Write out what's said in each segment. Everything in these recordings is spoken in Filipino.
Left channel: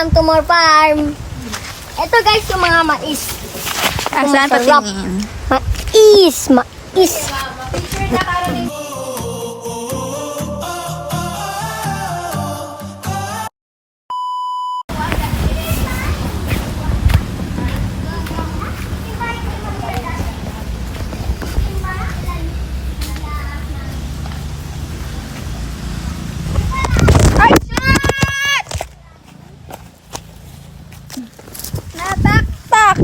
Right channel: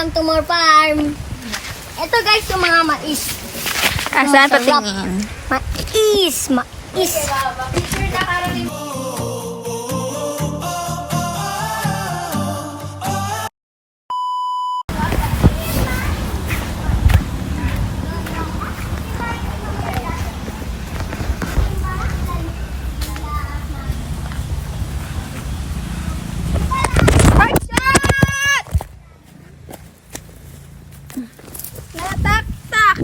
welcome to more farm. Ito guys, yung mga mais. Saan Masarap. patingin? Mais. Picture na karating. Nataktak!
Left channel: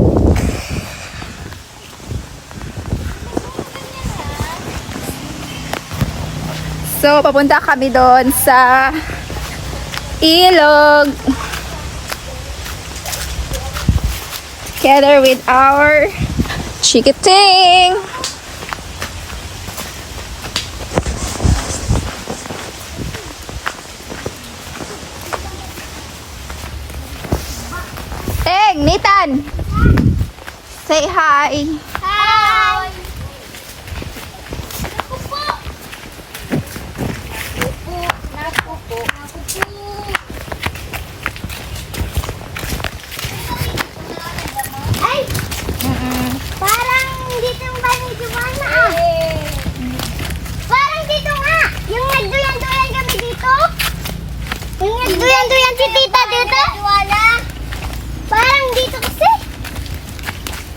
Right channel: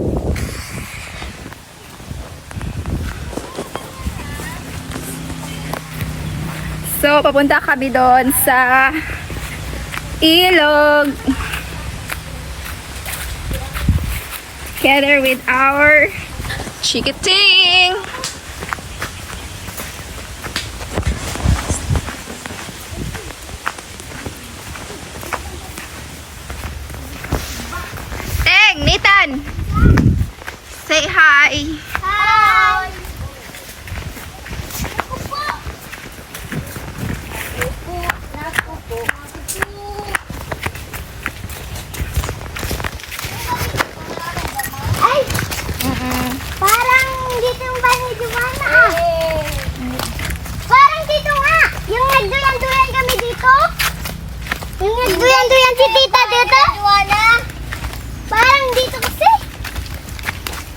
So, papunta kami doon sa ilog. Together with our chikiting. Teng, Nitan. Say hi. Hi! Nakupo. Ay! Parang dito yung bahay Joanna ah. Parang dito nga. Yung nagduyan-duyan kami dito. Yung nagduyan-duyan si tita dito. Joanna. Parang dito kasi.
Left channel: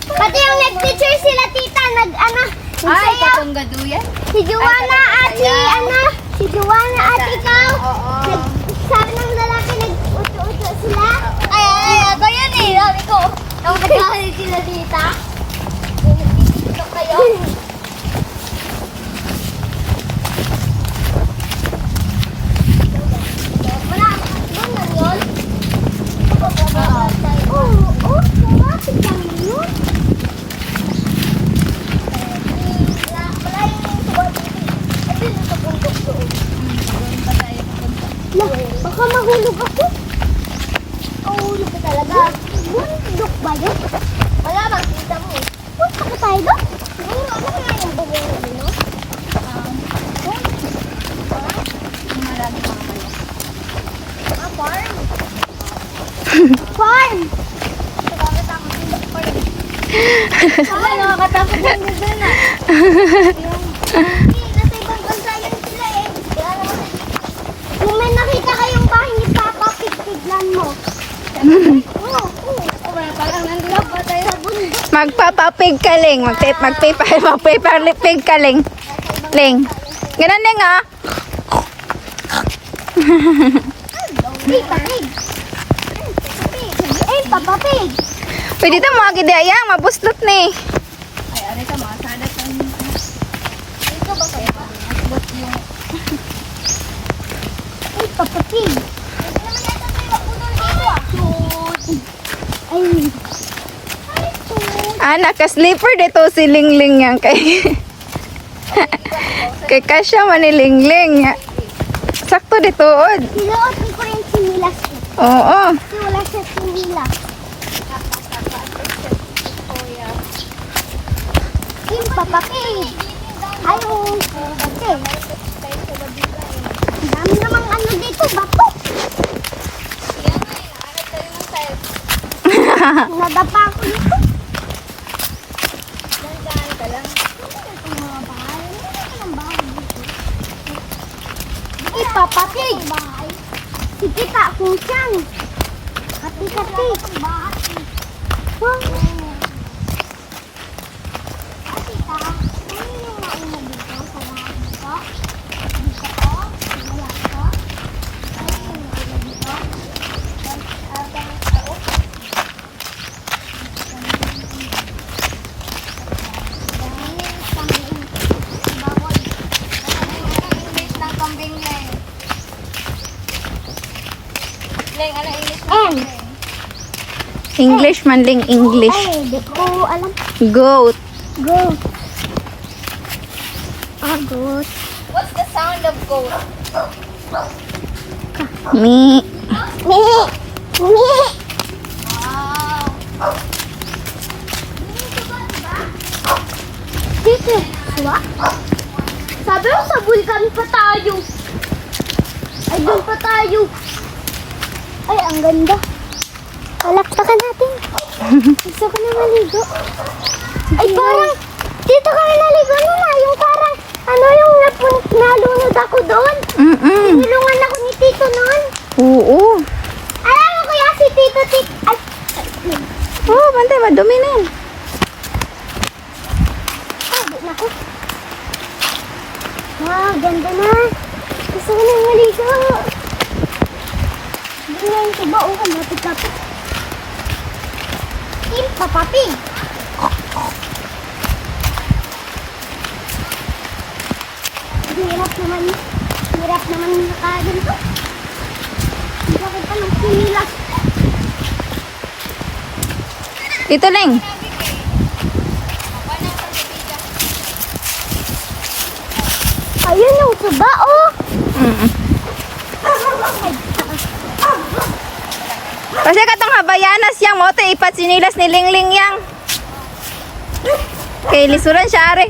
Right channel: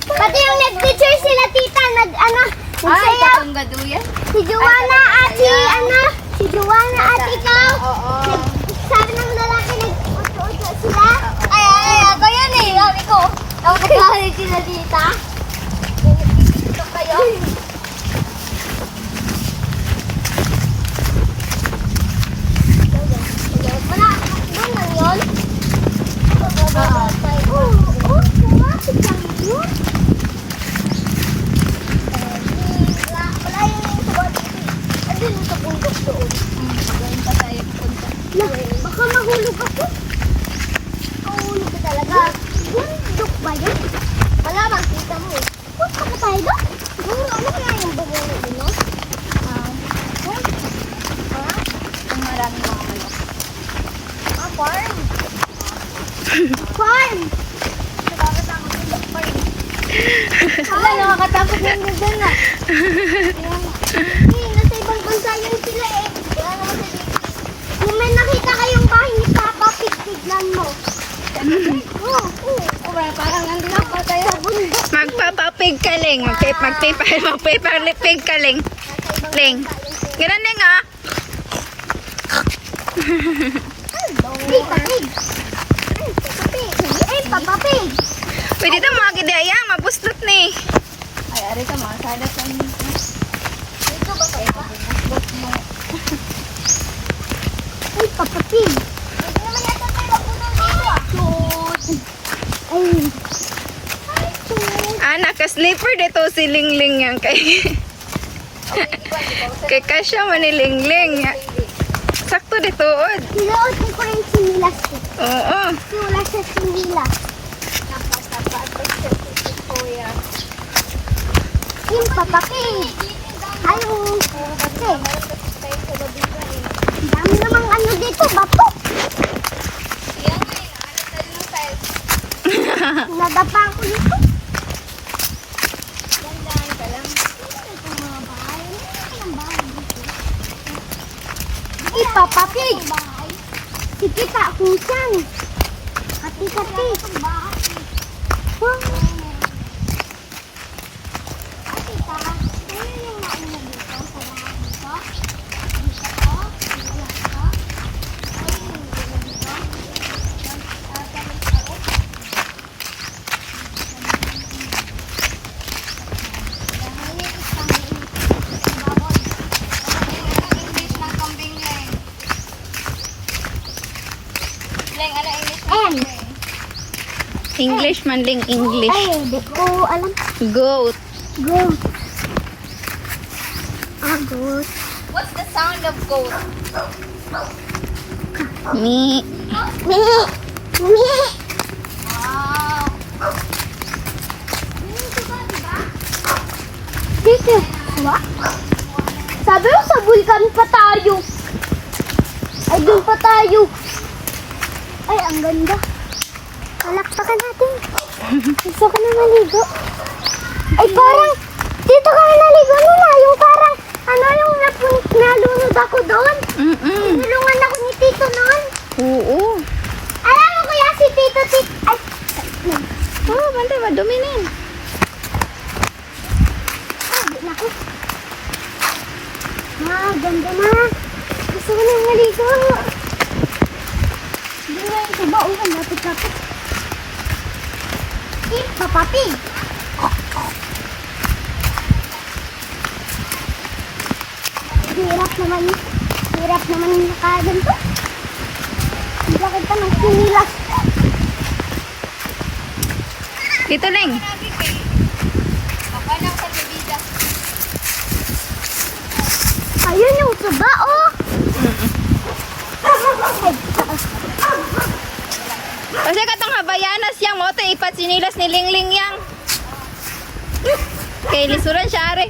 Pati yung nag-picture sila tita. Nagsayaw. gaduyan? Si Joanna at si si Joanna at ikaw. Sabi ng lalaki nag-uto-uto sila. Ay, ako yan eh. Sabi ko. Ako nagkahalit sila dita. Ito kayo. Doon lang yun? Oo, kumapit lang yun. Wala yung subot. Ano yung sa bundok doon? Doon pa tayo pupunta. Baka mahulog ako. Mahulog ka talaga. Bundok ba yun? Wala, makita mo eh. Punta ka tayo doon? Siguro, ano kaya yung bugong yun, no? Ang maraming mga kayo. Farm. Farm. Nakakatakot yung farm. Wala, nakakatakot yung doon na. Nasa ibang bansa yun sila eh. Wala naman sa dito. Kung may nakita kayong bahay ni Papa, tignan mo. Oo. Parang nandito pa tayo. Sa bundok. Magpapapig ka, Ling. Magpapapig ka, Ling. Ling. Ganun na nga. Ay, papig. Ay, papapig. Pwede ito mga gidayang. Mabustot ni. Ay, ari ka mga sadat ang Ito ba pa? bot yung Ay, papapig. Hindi naman yata tayo maputol dito ah. Ay. Ay, shoot. Naka-slipper dito si Lingling yan kay. Kay Kasya manilingling. Sakto dito, od. Sinuot ko yung sinilas ko. Oo. Kasi wala siya sinilas. Yung papapig. Ay, kasi. Ang dami namang ano dito, bato. Nadapa ako dito. Dandan ka lang. Ito mga bahay. Ano ang bahay dito? Ay, papapig. Kikita kung saan. Kati-kati. Wow. Tita, ano yung nauna dito? Sa lahat dito? Dito ko? Wala ko? Ano yung nauna dito? Leng, ano English Eh. na? English man, Ling. English. Ay, di ko alam. Goat. Go. Goat. What's the sound of goat? Me. Me. Me. Wow. Dito. Diba? Sabi mo sa vulkan pa tayo. Ay, doon pa tayo. Ay, ang ganda. Palakpakan natin. Gusto ko na maligo. Ay, parang, dito kami naligo nila. Yung parang, yung nalunod ako doon. Tinulungan ako ni Tito noon. Oo. Alam mo kuya, si Tito, ay, Oo, bantay, madumi na yan. di na ko. Ganda na. Gusto ko na maligo. Hindi nga yung tuba, lapit-lapit. Papa Pig. Hirap naman nakagan ko. Bakit pa ng sinilas? Ito, Leng. Ayun yung tuba, oh. Kasi katong habayanas yang mo, te ipat sinilas ni Lingling yang. Kay lisuran siya, are.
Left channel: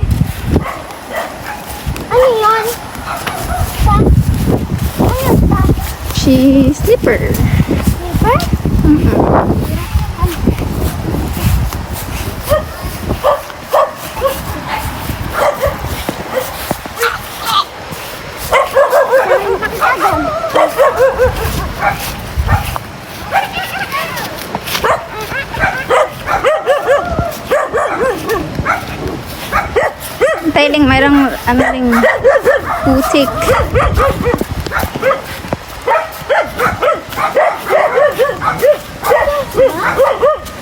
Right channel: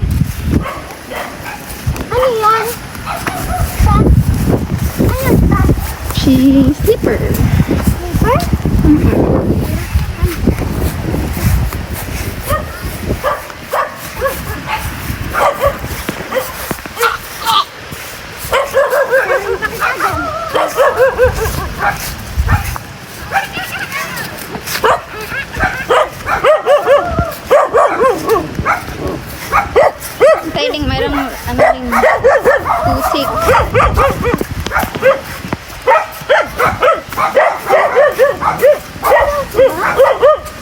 Ano yan? Ano ba? She slipper. Slipper? Tailing, mayroong ano ring pusik.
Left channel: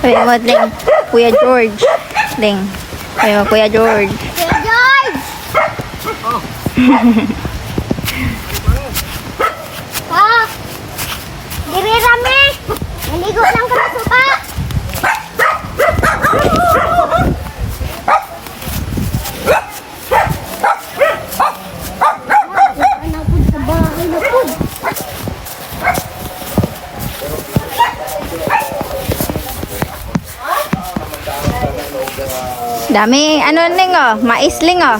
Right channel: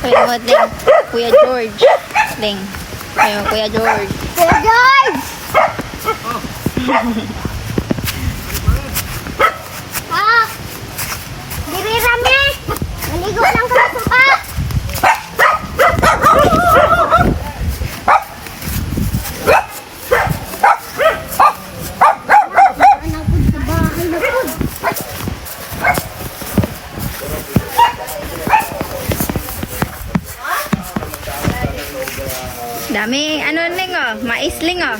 Ay, what, Ling? Kuya George. Ling. Ayo, Kuya George. Kuya George! Diri rame! Maligo lang ka na suka! Dami, ano Ling oh? Mais Ling oh.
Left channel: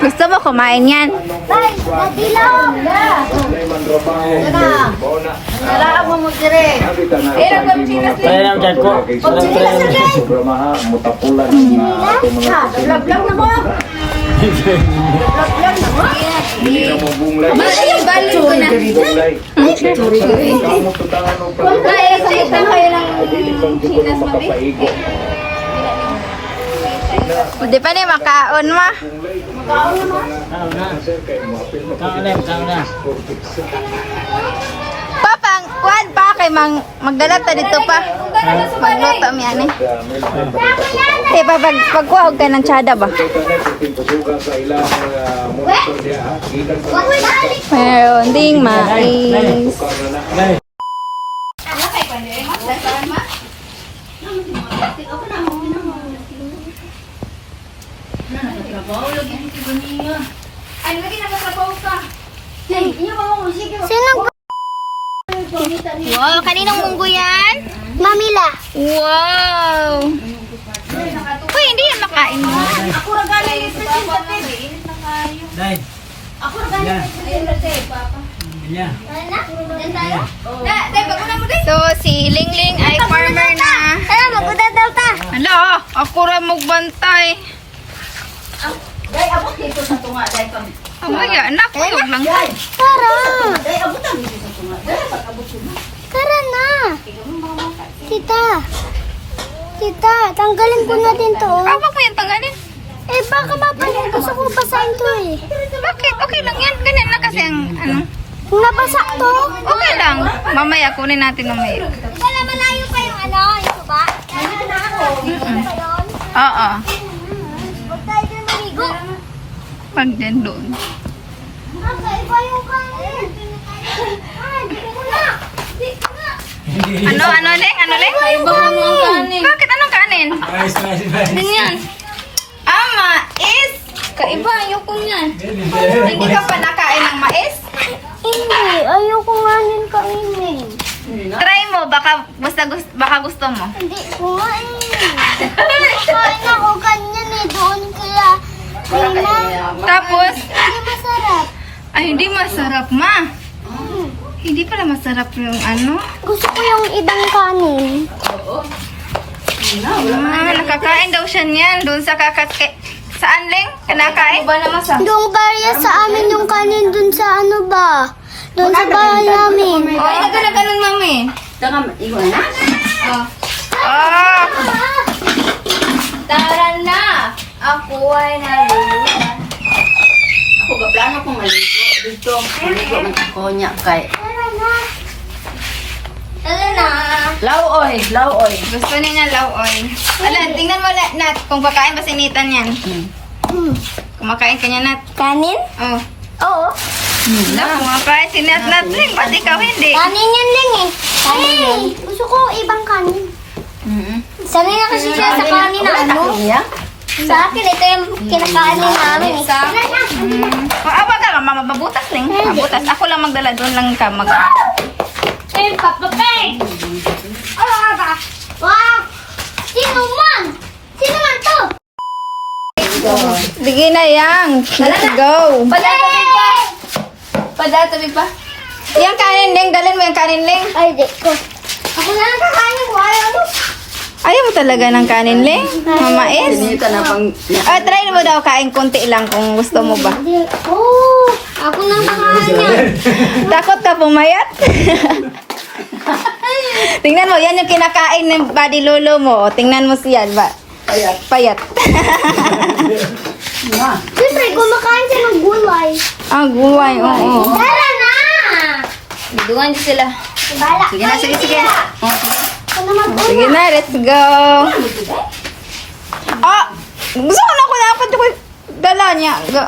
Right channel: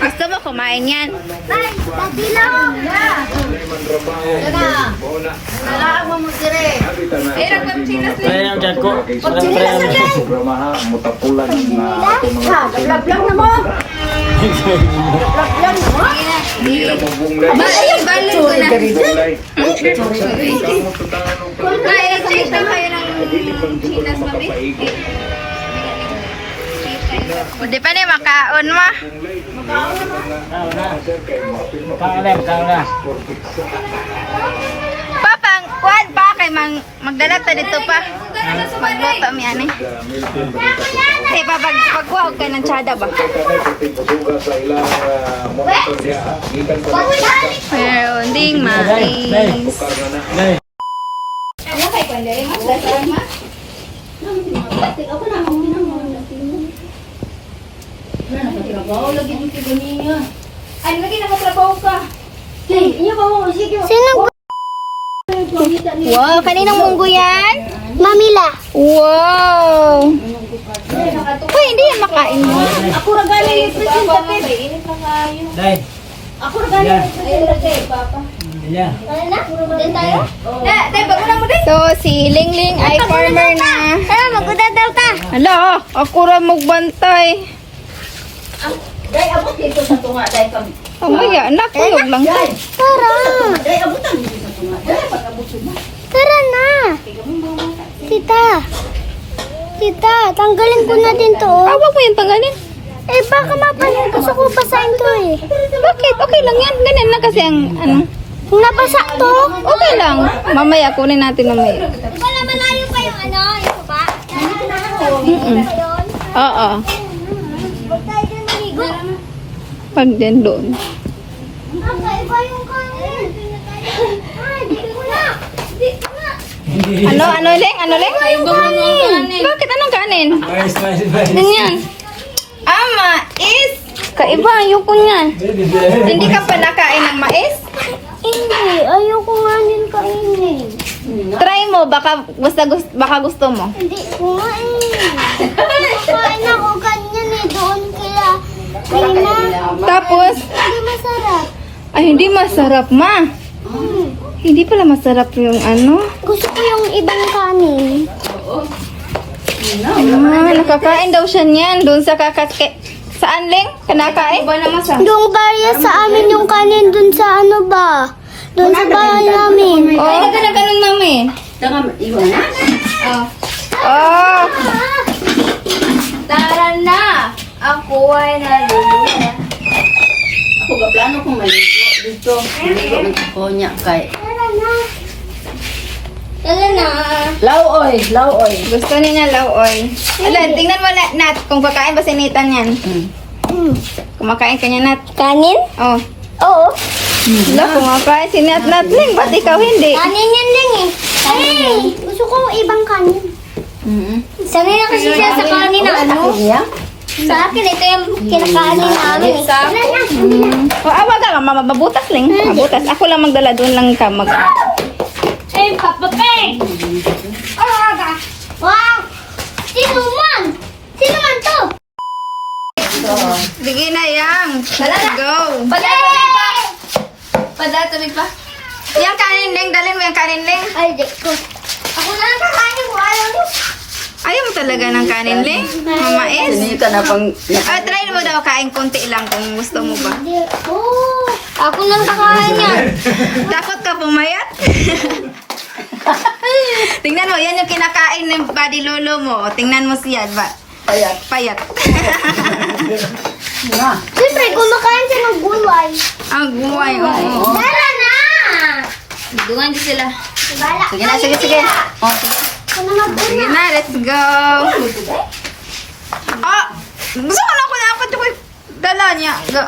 Gusto mo kumain yan? Bay, madilaw! Nalaang mo mo dire. Pero kung sino Kaya lang dyan ko. Walang kaya programaha mutapulan na ating mga Lablang na mo. hindi na mo bunglay. Ibalik ko na. Bunglay. Na-exit na kayo ng chinas mo, Bi. Hindi pa na makaon mo. Papang, kuhan pa kay magdala ta dito pa. Magluto mi ani. Eh pagkuha ka ng tsada ba? Sa ilang monitor niya. Gikan sa Meron ding mais. Sinong Wow, kaninong munggo yan? Mamila? Wow! Uy, hindi yan makain mo. Ako ra galing ni Presidente. Init na kayo. Dahil. Ako ra galing ni Presidente, Papa. Yan. Diyan tayo? Dahil bago na mo din. So, si Lingling ay farmer na. Magkudadaw ta! Hala, ako ra magbantay. Dahil abot dito sa tunga. Dahil kami. Oh my God, anak ko lang. Tara! Dahil abot ang dito sa tunga. Dahil pag-abot sila. Tara na! Tita! Tita, tanggalin ko na din to. oh. Tawa mo yung tanggalin. Eh, baka mapanin gusto ko basahin to eh. Bakit? Okay lang yan. Ganyan na kasi ang ano. Nabasa to? Okay lang. Mamaya kunin natin mamaya. Wala malayo pa yung yung suba? Nandito na ako. Dito pa yun? Oo. Huwag tayo dyan maligo. Pag dyan doon. Iba yung kanin. Dito ko na. Dito na. Ano, Leng? Ano, Leng? Yung kanin. Bakit? Anong kanin? Nice, nice, nice. Ganyan. Mais. Kaiba, ayoko niyan. Hindi ka pa nakain ng mais? Hindi, ayoko nga din kainin. Try mo, baka gusto mo. Hindi ko nga Kumakain ako ganyan doon kaya Lima. Tapos, Hindi masarap. ay hindi masarap ma. Hindi pala masarap yung ano. Gusto ko yung ibang kanin. Kakain daw siya niyan. Doon sa kakake. Saan, Leng? Kinakain? Ba naman sa? Yung barya sa amin yung kanin dun sa ano ba? Dun sa bahay namin. Ay, nagkana-ganon, mami. Saka iwan na. Oh. Tara na! Ako ay naluluhan. Ako gaplano kong maligo dito. Maligo man ako niya kay. Tara na! Lauoy. Gusto niya lauoy. Ala, tingnan mo na, Nat, kung kakain ba si Nathan yan. Kumakain ka niya, Nat. Kanin? Oh. Oo. Ala, kumakain si Nat, Ling. Ba't ikaw hindi? Kanin yan lang eh. Kanin. Gusto ko ibang kanin. Sanay na kasi siya sa kanin na ano. Sa akin, ito yung kinakanin namin. Tara na! Mabutas, Ling. Mabutas. Ako lang magdala, doon lang ka mag... Ay, papapay! Ano nga ba? Wow! Sino man? Sino man to? Sige na yang. Let's go. Padatumig pa. Yung kanin, Ling. Dalhin mo yung kanin, Ling. Ay, di ko. Ako na lang kakain ko. Ayaw ko. Ayaw mo talaga ng kanin, Ling? Mamais. Dito na pang... Try mo daw kain konti lang kung gusto mo ba. Oh, ako na lang kakain yan. Takot ka pumayat? Tingnan mo, yan yung kinakain ng body lolo mo. Tingnan mo siya, ba? Payat. Siyempre, kumakain siya ng gulay. Guway, oo. Tara na! Bidungan sila. Bala. Sige na, sige. Ako naman po. Sige na, let's go. Gusto ko na ko dapat ko dala niya. Go.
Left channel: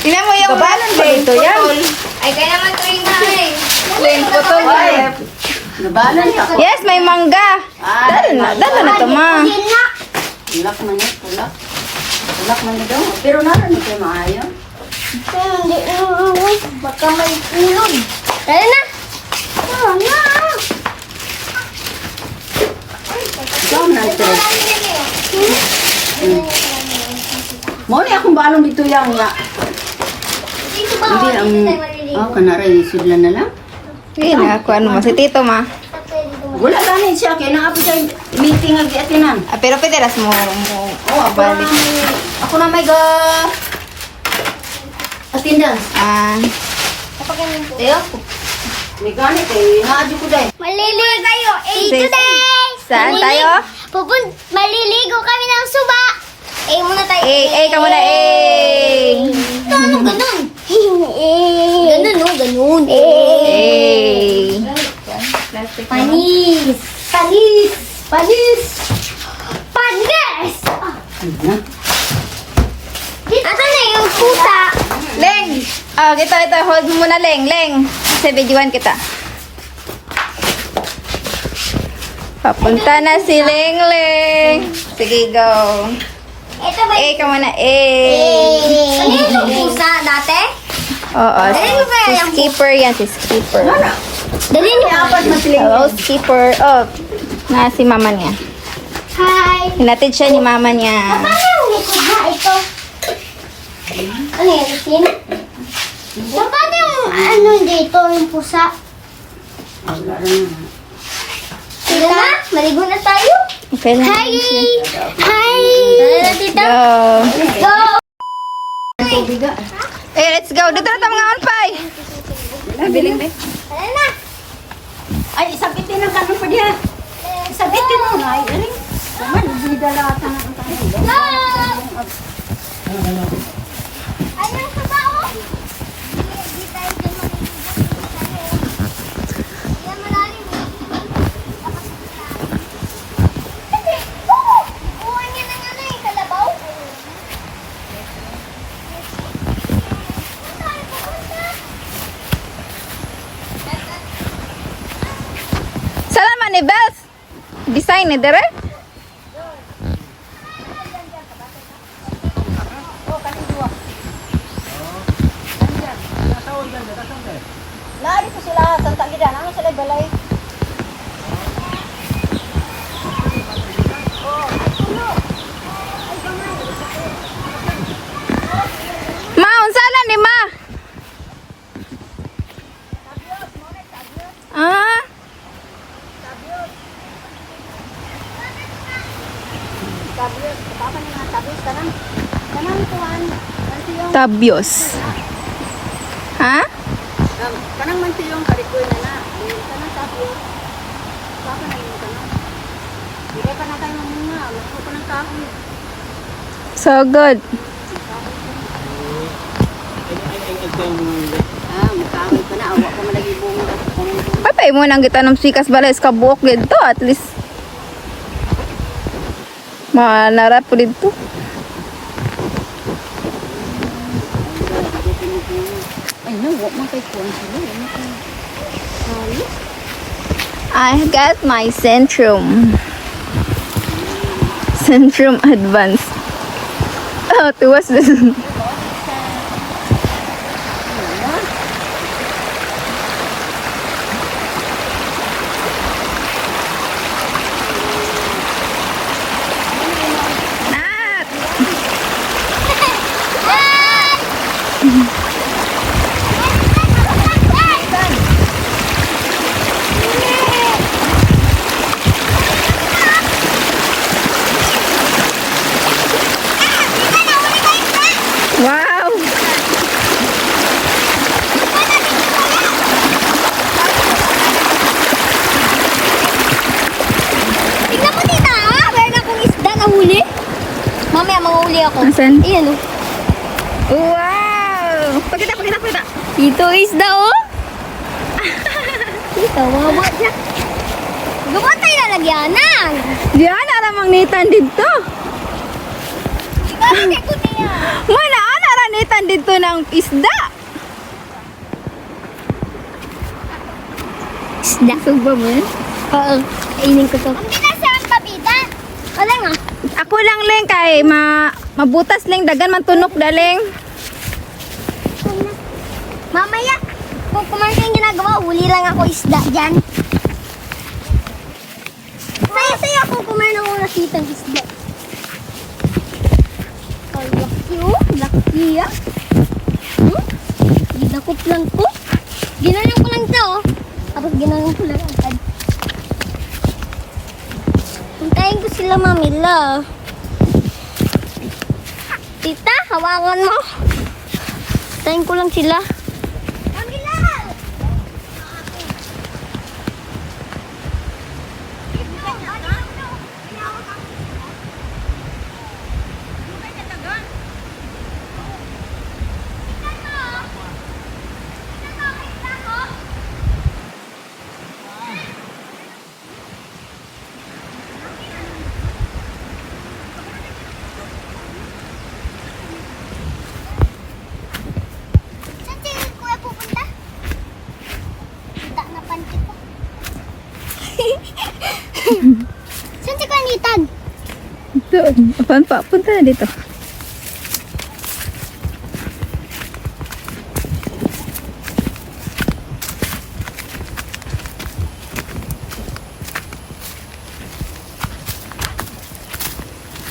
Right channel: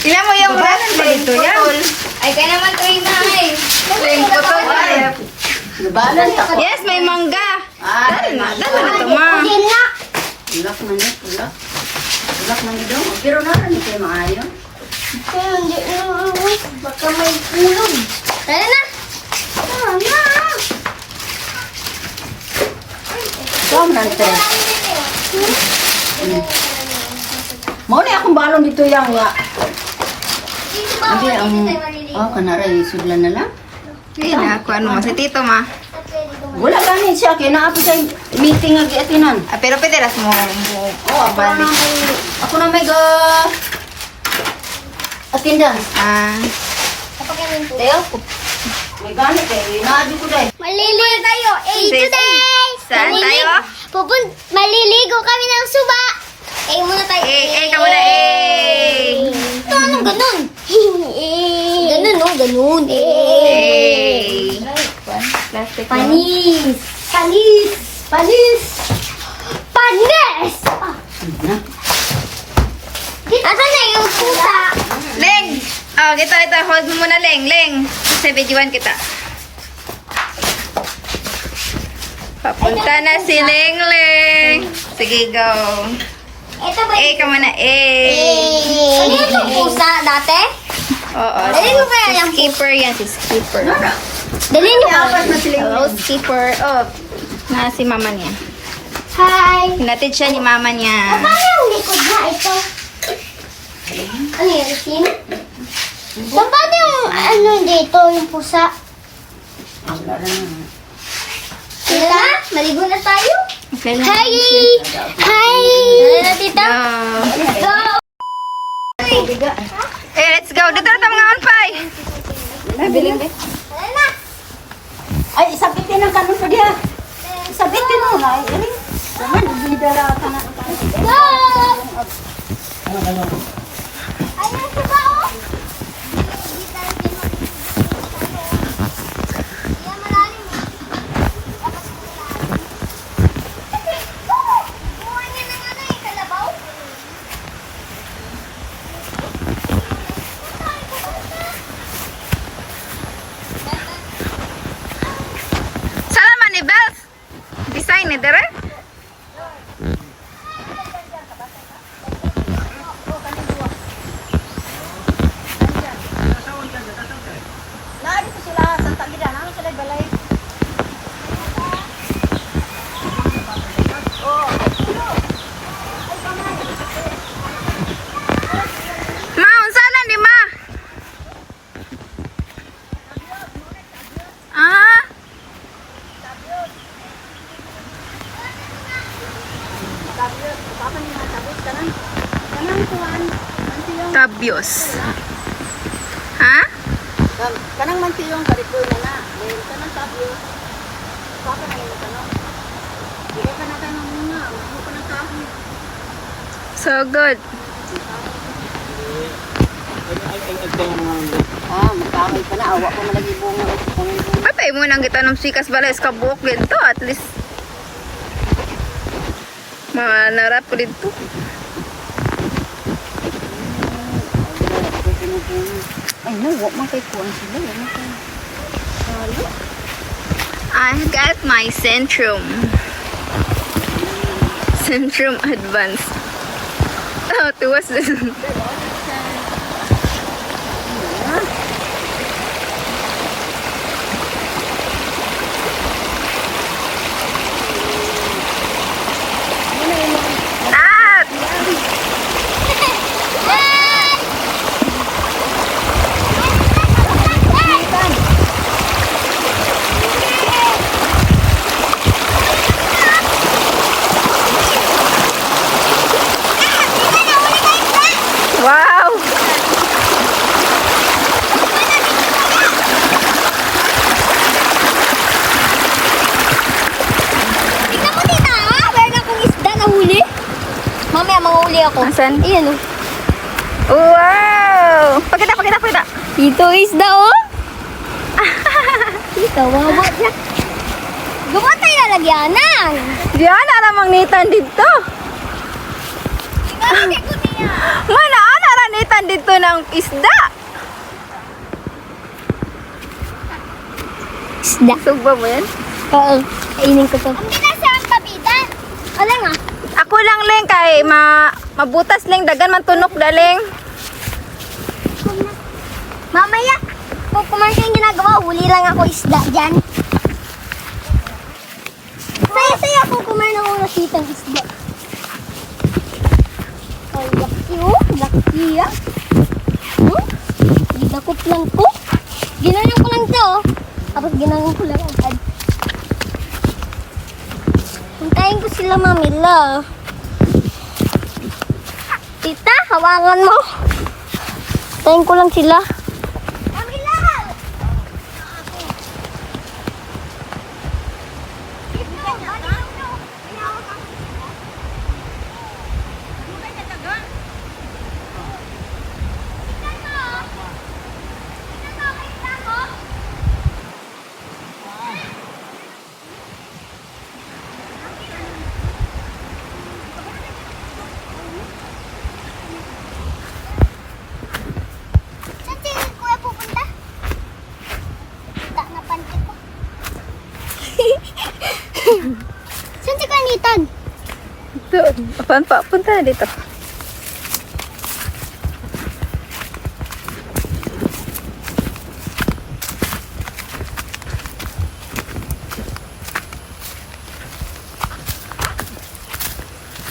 Tingnan mo yung red plate. Putol. Ay, kaya naman ito yung mga Putol. Nabalan ako. Yes, may mangga. Dala na ito, ma. Hindi na. Ulak man ni, ulak. Ulak man ni daw. Pero naran ni kayo maayo. Hindi na. Baka may tulog. Tara na. Tara na. Ikaw na ito. Mo ni akong balong dito yang ya. Dito ba? Hindi ang kanaray sudlan na lang. Hindi na ako ano mo. Si Tito, ma. Wala gani siya kay naa pa siya meeting agi atinan. Pero pitiras mo. Ako na may go. Atindan. Kapag ganun po. May gani kay naadyo ko dai. Maliligo tayo. Today. Saan tayo? Maliligo kami ng suba. Muna tayo. Ka muna, Ito, anong ganun? Ganun, no? Ganun. Panis. Panis. Panis. Panis! Asan na yung pusa? Leng! Ito. Hold mo muna, Leng. Sa videoan kita. Papunta na si Leng. Sige, go. Ito ba Ka muna, Ano yung pusa dati? Oo. Dali mo kaya yung Skipper yan, si Skipper. Dali niyo. Skipper. Na si mama niya. Hi. Hinatid siya ni mama niya. Paano yung likod na ito? Ano yan? Sino? Paano yung ano dito, yung pusa? Sino na? Maligo na tayo? Okay lang. Hi! Hi! Ano na tita? Go. Let's go! Let's go. Dito na mga alpay. Biling din. Ano na? Ay sabitin na ganun pa diya. Sabitin mo na ay galing. Go! Ano yung pusa oh? Hindi tayo dyan buhay niya ng ano eh, kalabaw? Saan tayo pupunta? Salaman ni Bells. Design ni Dere. Naari ko sila Santa Gida, ano sila balay? Ma, unsala ni Ma. Tabios. Ha? Kanang mantiyong karito niya na. Hindi ka na kayo mamuna. Mayroon ka ng kahoy. So good. Magkahoy pa na. Awa ko na nag-ibong. Patay mo nang kita ng sikas balas ka buok dito at least. Manarap po dito. I got my Centrum. Centrum Advance. Oh, tuwas din. Ah! Wow! Tingnan mo tita, ah. Meron akong isda na huli. Mamaya manghuli ako. Asan? Ayan oh. Wow! Pakita. Ito isda oh. Ito, wawa siya. Gumawa tayo lalagyanan. Diyan, aramang nitan dito. Ibalagay ko niya. Mana, naranitan dito ng isda. Isda. Suba mo yan? Oo, kainin ko to. Ang binasa ang pabida. Wala nga. Ako lang leng kay mabutas leng dagan man tunok daleng. Mamaya, kung kumain yung ginagawa, huli lang ako isda dyan. Saya-saya akong kumain ng una kitang isda. Oh, laki oh. Laki ah. Ginakot lang ko. Ginanong ko lang siya oh. Tapos ginanong ko lang agad. Hintayin ko sila mamila. Tita, hawakan mo. Hintayin ko lang sila. Saan si Kuya pupunta? Kita na panty ko. Saan si Kuya Nitan? Ito, apaan pa? Punta na dito.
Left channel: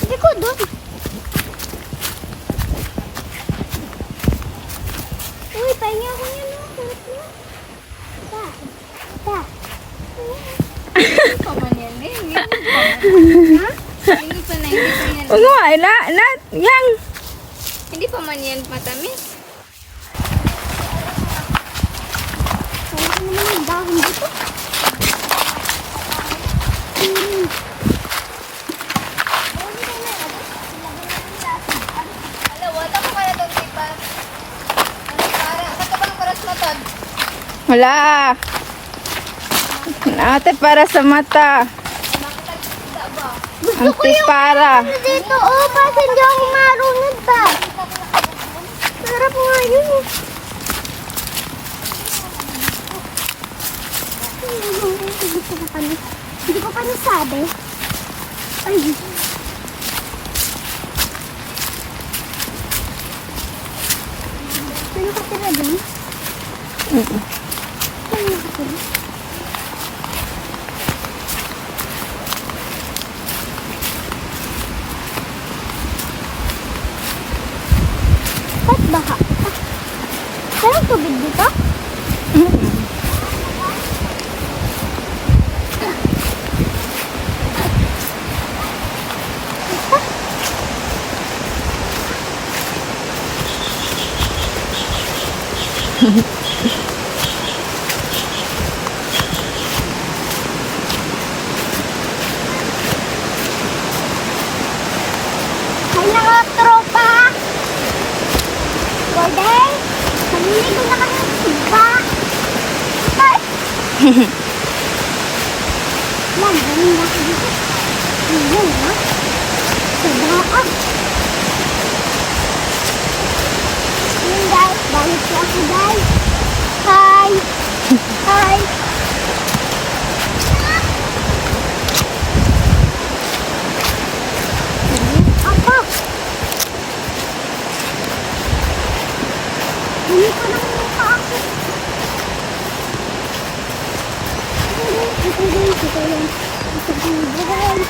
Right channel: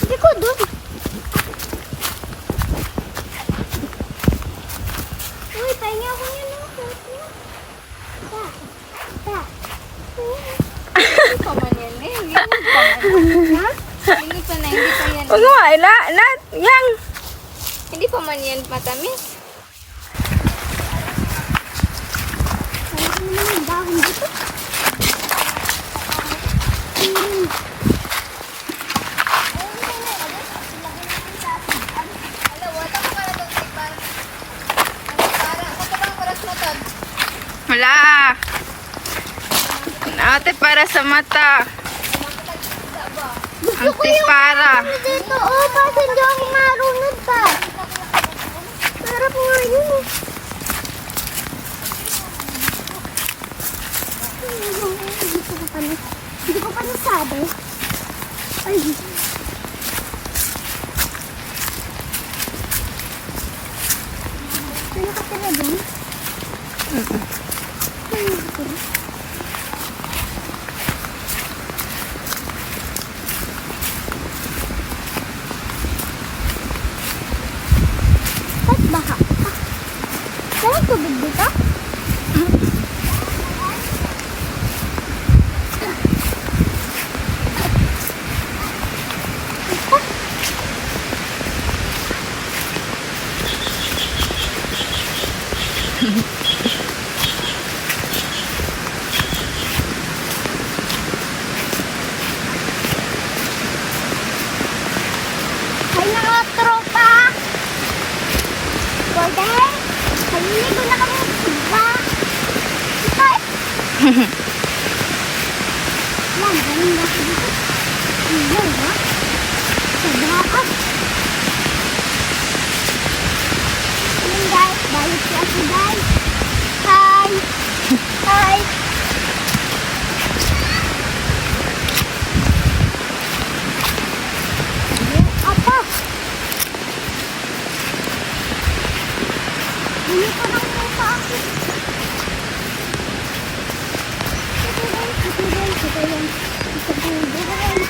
Hindi ko doon. Uy, pahinga ko yan. Hindi pa man yan eh. Hindi pa man. Ha? Hindi pa yan. Ano nga, lang. Hindi pa man yan matamis. Ano naman ang dahon dito? Wala. Ate para sa mata. Ate para. Dito, oh, kasi hindi ako marunod pa. Sarap nga yun eh. Hindi ko pa nasabi. Ay. Ano ka tira dun? Ano ka tira? Ba't baha? Saan ang tubig dito? Ay, mga tropa! Golden! Naliligo na kami sa suba! Ay! Lang, galing na ako dito. Ayan, ha? Sa baak. Ayan, guys. Balik siya ako, guys. Hi! Hi! Apa? Hindi pa nang mukha ako. Ito guys, ito yan. Ito guys.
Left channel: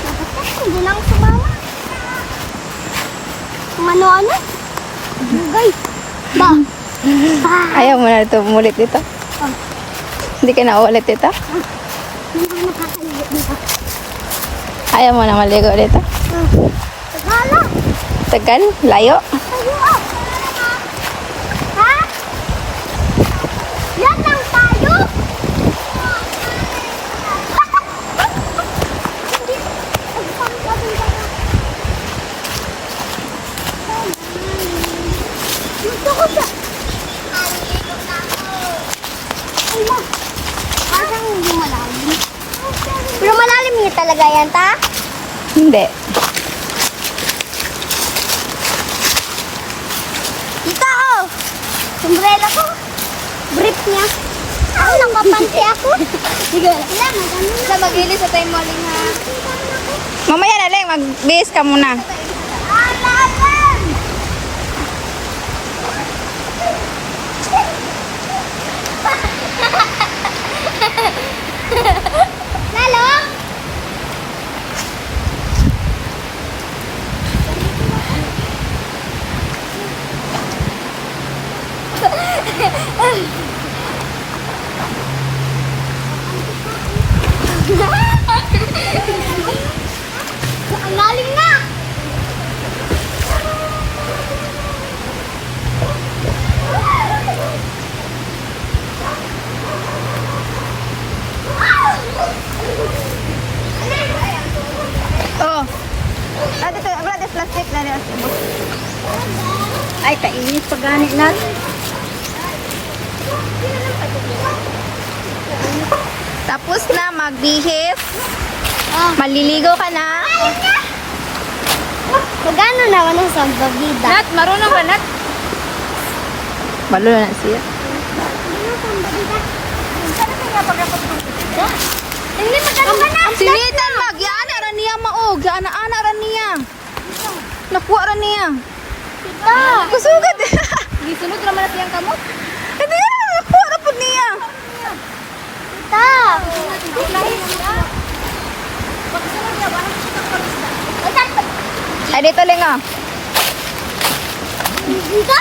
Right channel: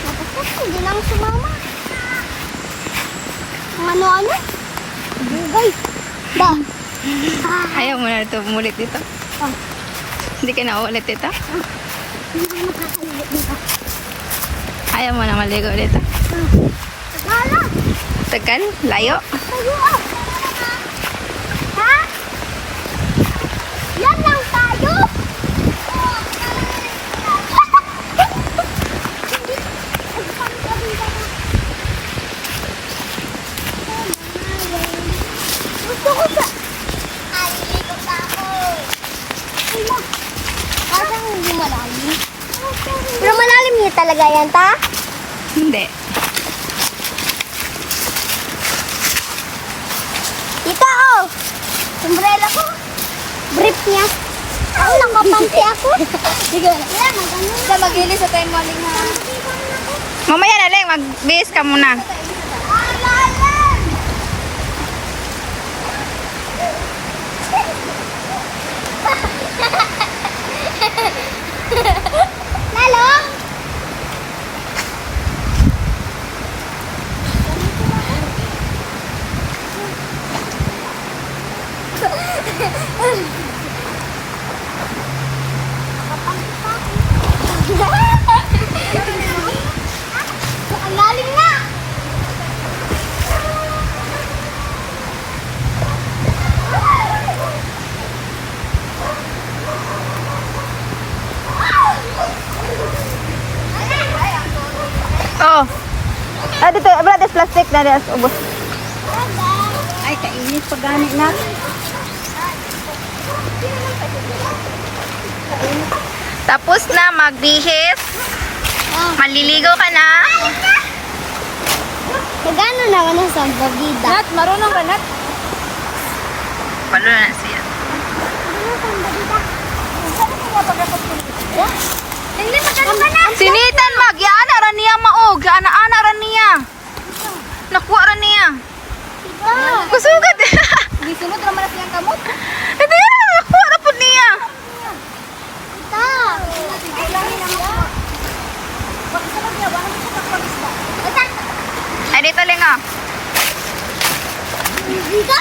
Dapat kasi hindi lang sumama. Kung ano-ano. Guys. Ba? Ayaw mo na ito umulit dito. Ah. Hindi ka na ulit dito. Hindi ko nakakaligo dito. Ayaw mo na maligo dito. Tagala. Tagal, layo. Tayo ah. Ha? Yan lang tayo. Hindi. Ang sabi ka na. Gusto ko siya. Ay lang. Parang hindi malalim. Pero malalim niya talaga yan, ta? Hindi. Ito, oh! Umbrella ko. Brief niya. Ano nang mapansi ako? Sige. Yan, magano na. Mag-ilis sa time morning ha. Mamaya na lang, mag-base ka muna. Alalan! Lalo? Ang lalim na! Oh. Ah, dito, brother, plastic na rin. Ubos. Ay, kainit pa ganit na. Tapos na magbihis. Maliligo ka na. Magano naman ang salbabida? Nat, marunong ka, Nat. Marunong na siya. Sinitan mag, yaana ra niya maog, ana-ana ra niya. Nakuha ra niya. Tita! Kusugad. Gisunod naman na siyang kamot. Ito yan, nakuha ra po niya. Tita! Ulahin sila. Pagkasunod niya, walang kakakabisda. Ay, dito lang ah. Tita!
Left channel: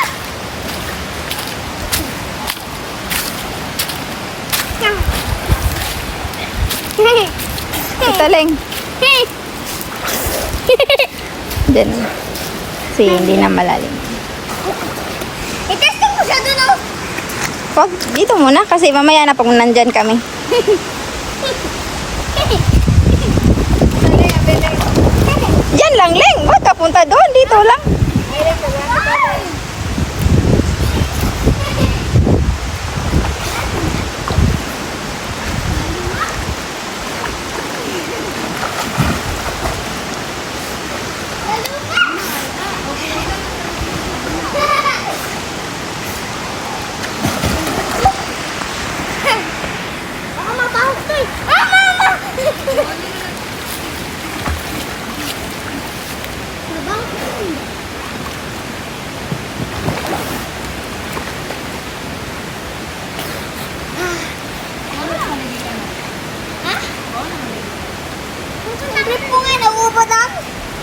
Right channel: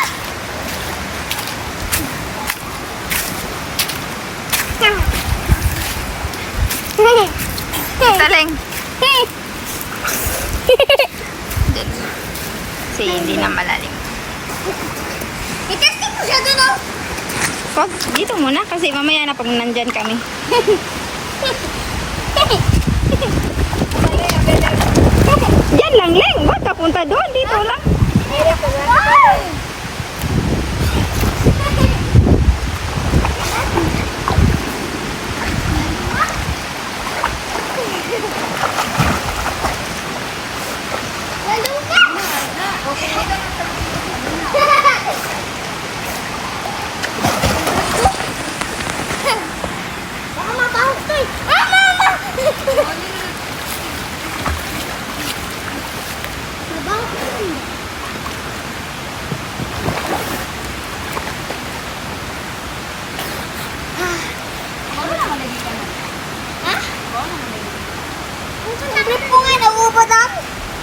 Dito lang. Diyan. Si hindi na malalim. Itesto mo siya dun, oh! Wag, dito muna kasi mamaya na pag nandyan kami. Diyan lang, Leng. Ba't ka punta doon? Dito lang. Baka mapahok to eh. Ah, mama! Mabahok to eh. Ha? Trip ko nga, nauubod ang.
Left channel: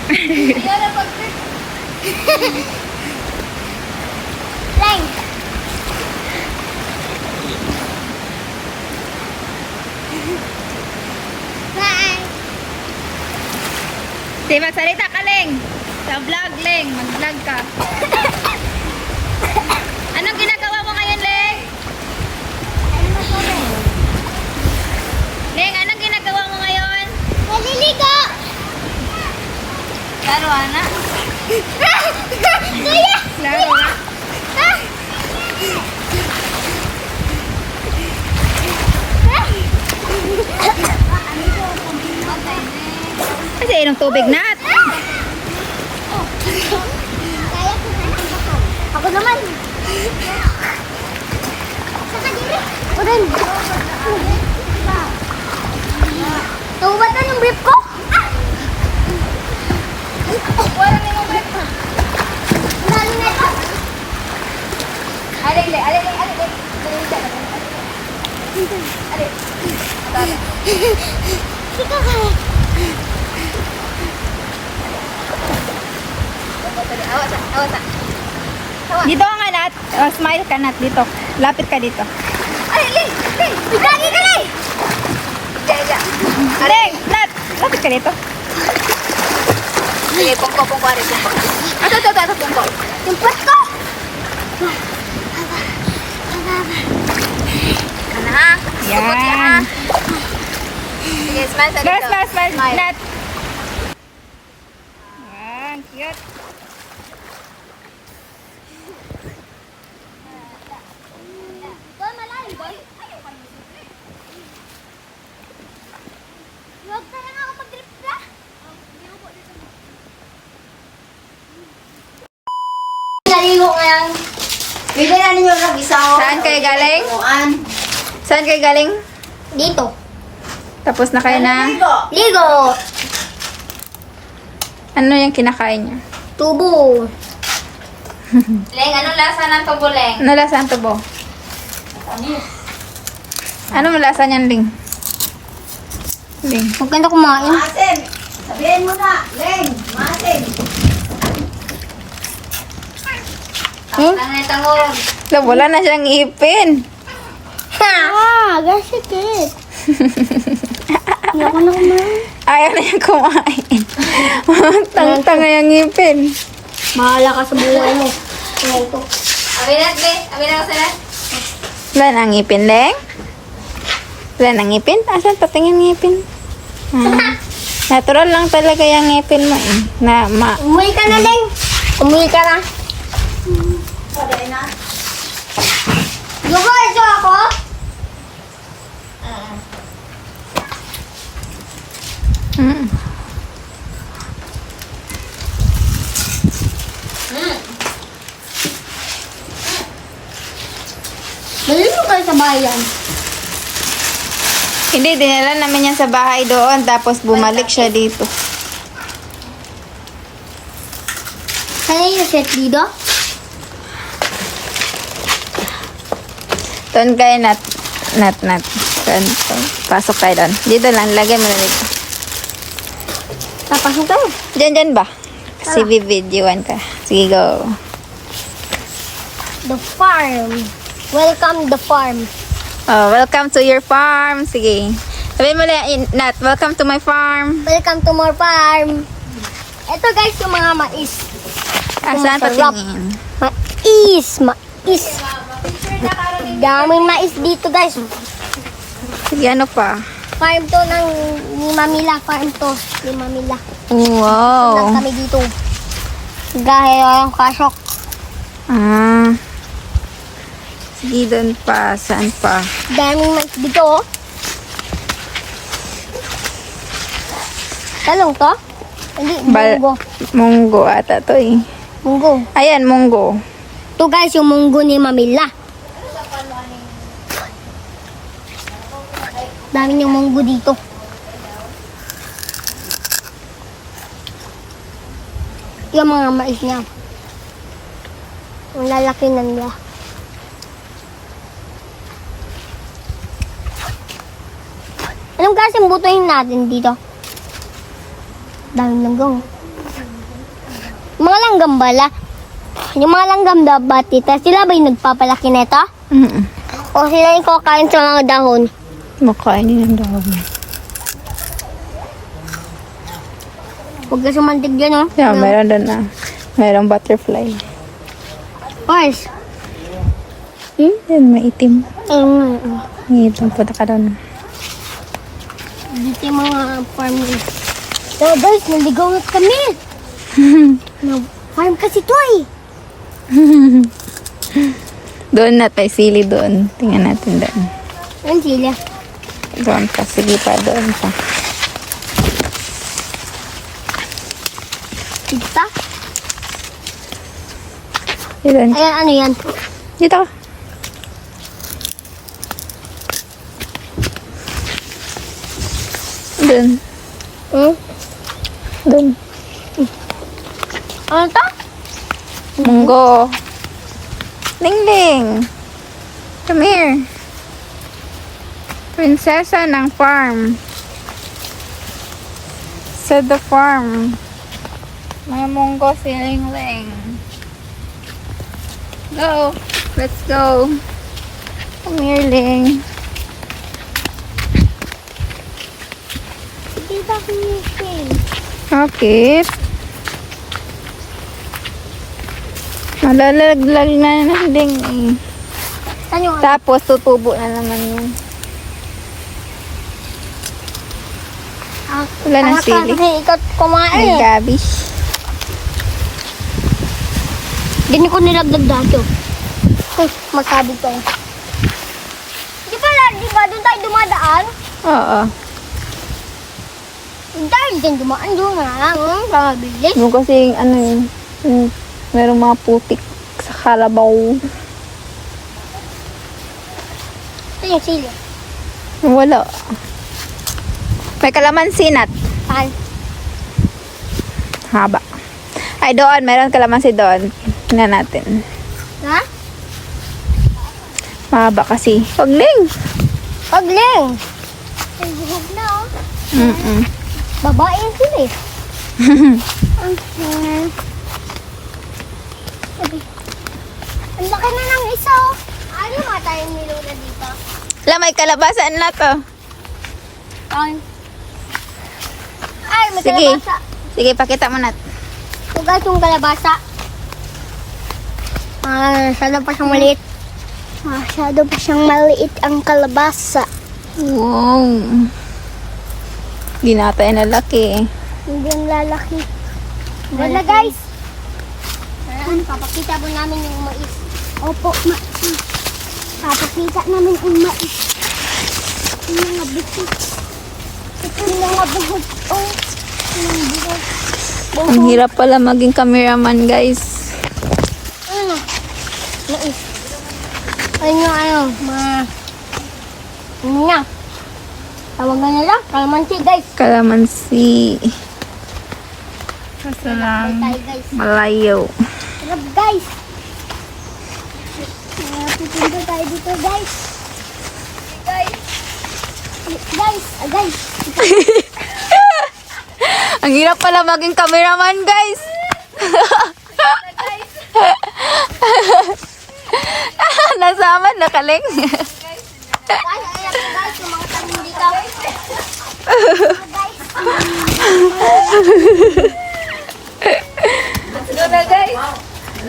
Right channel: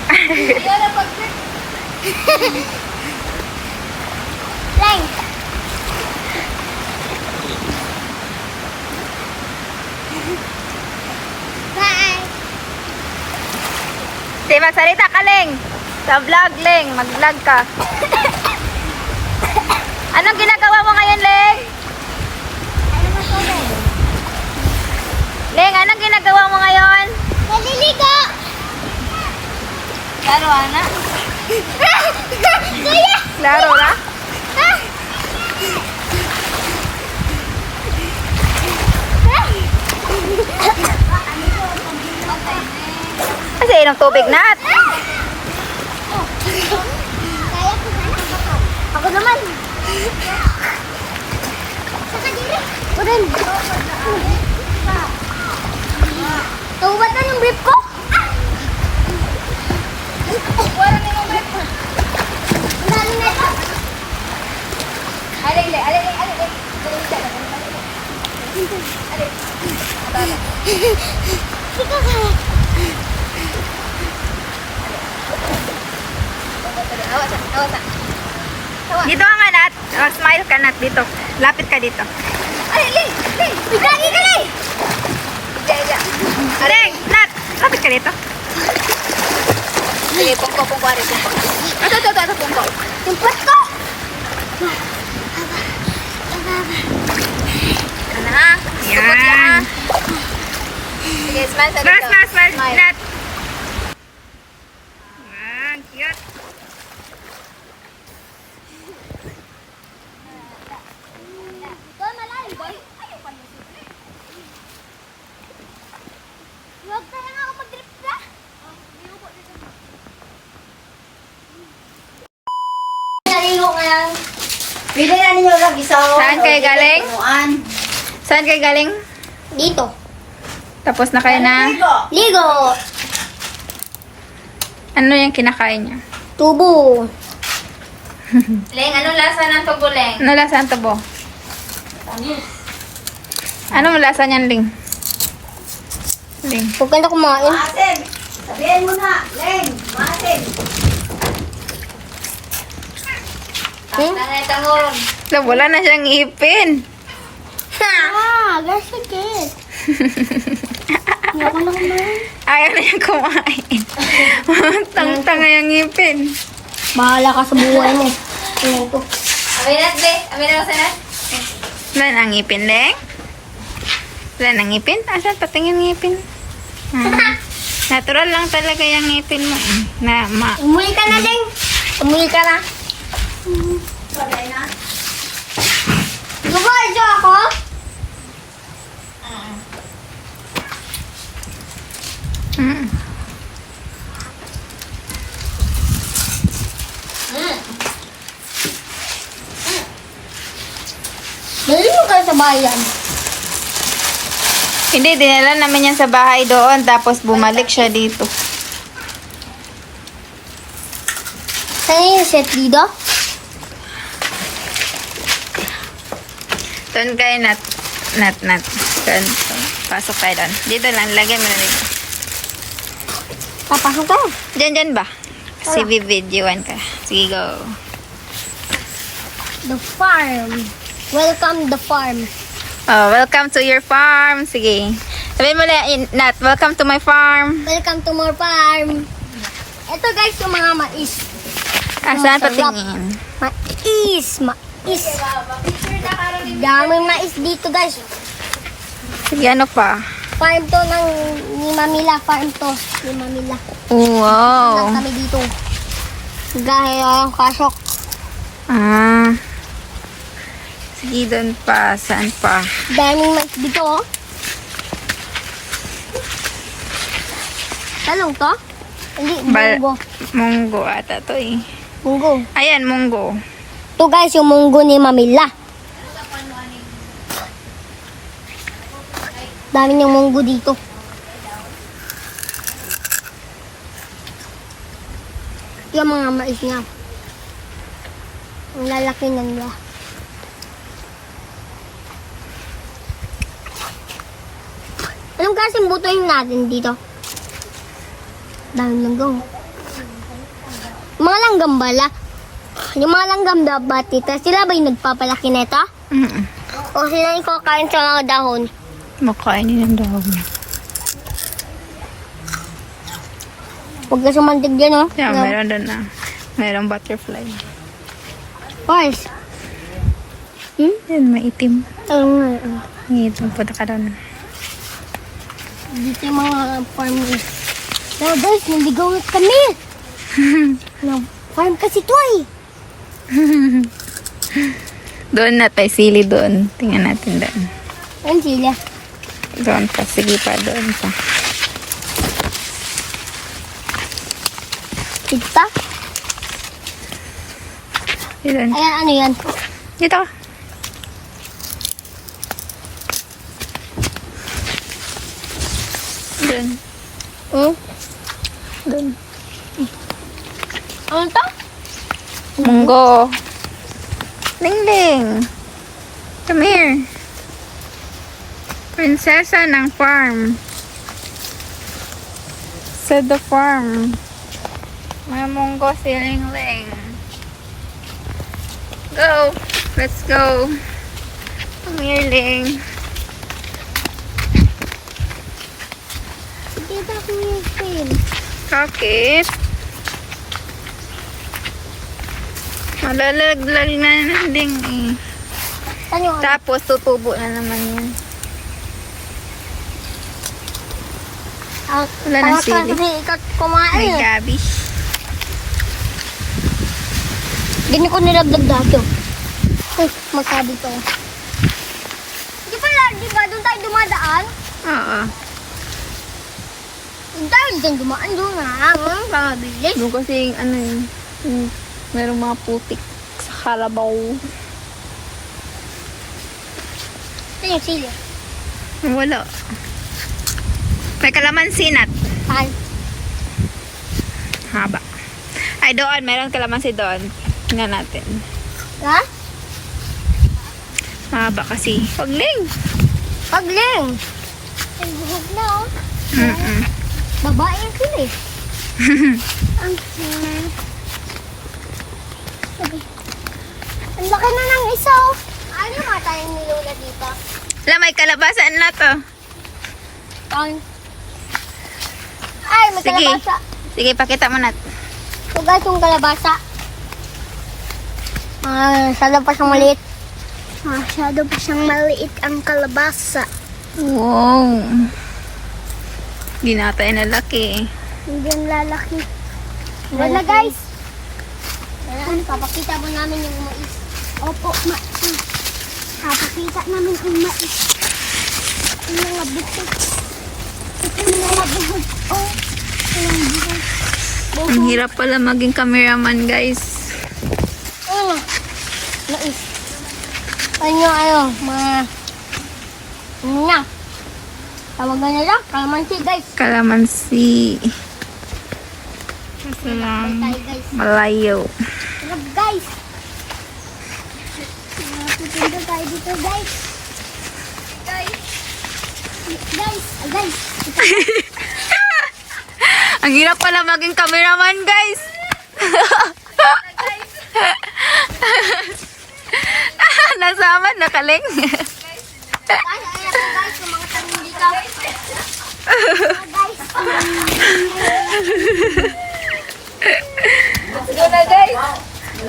Ayaw na pag-trip. Lang. Bye. Di magsalita ka, Leng. Sa vlog, Leng. Mag-vlog ka. brief ko? Wala na yung brief. Ang dalo na ito. Alin. Sika ka. Dito ka Nat. Oh, smile ka Nat dito. Lapit ka dito. Alin. Lagi ka na eh. Alin, Nat. Lapit ka dito. Sige, pungko. Ito, pungko. Yung pot ko. Ano ha? Yan. Sige, smile sa dito. Smile. Nat. Wow, cute. Boy, malalim, boy. Huwag ka lang ako mag-drip ka. Naligo ngayon. Pili na ninyo lang isa. Saan kayo galing? Saan kayo galing? Dito. Tapos na kayo na. Ligo. Ano yung kinakain niya? Tubo. Leng, anong lasa ng tubo, Leng? Ano lasa ng tubo? Anong lasa niyan, Ling? Ling. Huwag ka na kumain. Maasin. Sabihin mo na. Len, maasin. Hmm? Wala na siyang ipin. Ah, that's it. Ayoko na kumain. Ayaw na yung kumain. Tang-tanga yung ngipin. Bahala ka sa buhay mo. Ito. Wala na ang ngipin, Leng? Wala na ang ngipin? Asan patingin ngipin? Ah, natural lang talaga yung ngipin mo eh. Umuwi ka na, Deng. Umuwi ka na. Gusto ako? Mm. Dali mo kayo sa bayan. Hindi, dinala namin yan sa bahay doon. Tapos bumalik siya dito. Saan yung set dito? Doon kayo, Nat. Doon. Pasok kayo doon. Dito lang, lagyan mo na dito. Papasok tayo. Diyan ba? CV videoan ka. Sige, go. The farm. Welcome the farm. Oh, welcome to your farm. Sige. Sabihin mo lang, Nat, welcome to my farm. Welcome to more farm. Ito guys, yung mga mais. Saan Masarap. patingin? Mais. Daming mais dito guys. Sige, ano pa? Farm to ng ni Mamila. Farm to ni Mamila. Wow. Lang kami dito. Gaya yung kasok. Ah. Sige, doon pa. Saan pa? Daming mais dito oh. Talong to? Hindi, munggo. Munggo ata to eh. Munggo. Ayan, munggo. Ito guys, yung munggo ni Mamila. Dami niyang munggo dito. Yung mga mais niya. Ang lalaki na nila. Anong klaseng butuin natin dito? Dami langgam. Mga langgam bala. Yung mga langgam batita, sila ba yung nagpapalaki nito? O sila yung kakain sa mga dahon? Makain yung dahon. Huwag ka sumantig dyan, oh. Yeah, meron doon na. Mayroong butterfly. Guys. Yan, maitim. Nga. Maitim po na ka doon. Dito yung mga farm nila. So guys, nandigaw na kami. Farm kasi to eh. Doon na tayo, sili doon. Tingnan natin doon. Ang sila. Doon pa, sige pa, doon pa. Kita. Doon. Ayan, ano yan? Dito. Doon. Dun. Ano to? Munggo. Ling. Come here. Prinsesa ng farm. Sa the farm. May munggo si Ling. Go. Let's go. Come here, Ling. Tita ko yung film. Okay. Malalaglag na ng Ling. Saan yung Tapos tutubo na naman yun. Wala ng sili. Kasi ikaw kumain May eh. gabish. Hindi ko nilagdag dati. Uy, magkabig tayo. Di ba doon tayo dumadaan? Oo. Doon tayo doon dumaan doon nga. Pamabilis. Yung kasi ano yun. Merong mga putik sa kalabaw. Ito yung sili. Wala. May kalamansi nat. Saan? Haba. Ay, doon. Meron kalamansi doon. Tingnan natin. Ha? Mahaba kasi. Pagling. Pagling. Ay, buhog na oh. Babae yung sili. Ang laki na ng isa oh. Ano mga tayong nilula dito? Wala, may kalabasan na to. Ay, may Sige. kalabasa. Sige, pakita mo nat. So guys, yung kalabasa. Masyado pa siyang maliit. Masyado pa siyang maliit ang kalabasa. Wow. Di natin na laki. Hindi ang lalaki. Wala guys. Ayan, papakita mo namin yung mais. Opo, papakita namin yung mais. Yung mga buhok. Ito yung mga buhok. Oh, yung buhok. Ang hirap pala maging cameraman, guys. Ano? Mais. Ano, mga... Ano na? Tawag na lang, kalamansi guys. Kalamansi. Kasi lang Tayo guys. malayo. Sarap guys. Pupunta tayo dito guys. Guys. Ang hirap pala maging cameraman, guys. Nasaman, nakaling. Guys, yung mga tanong dito. Guys.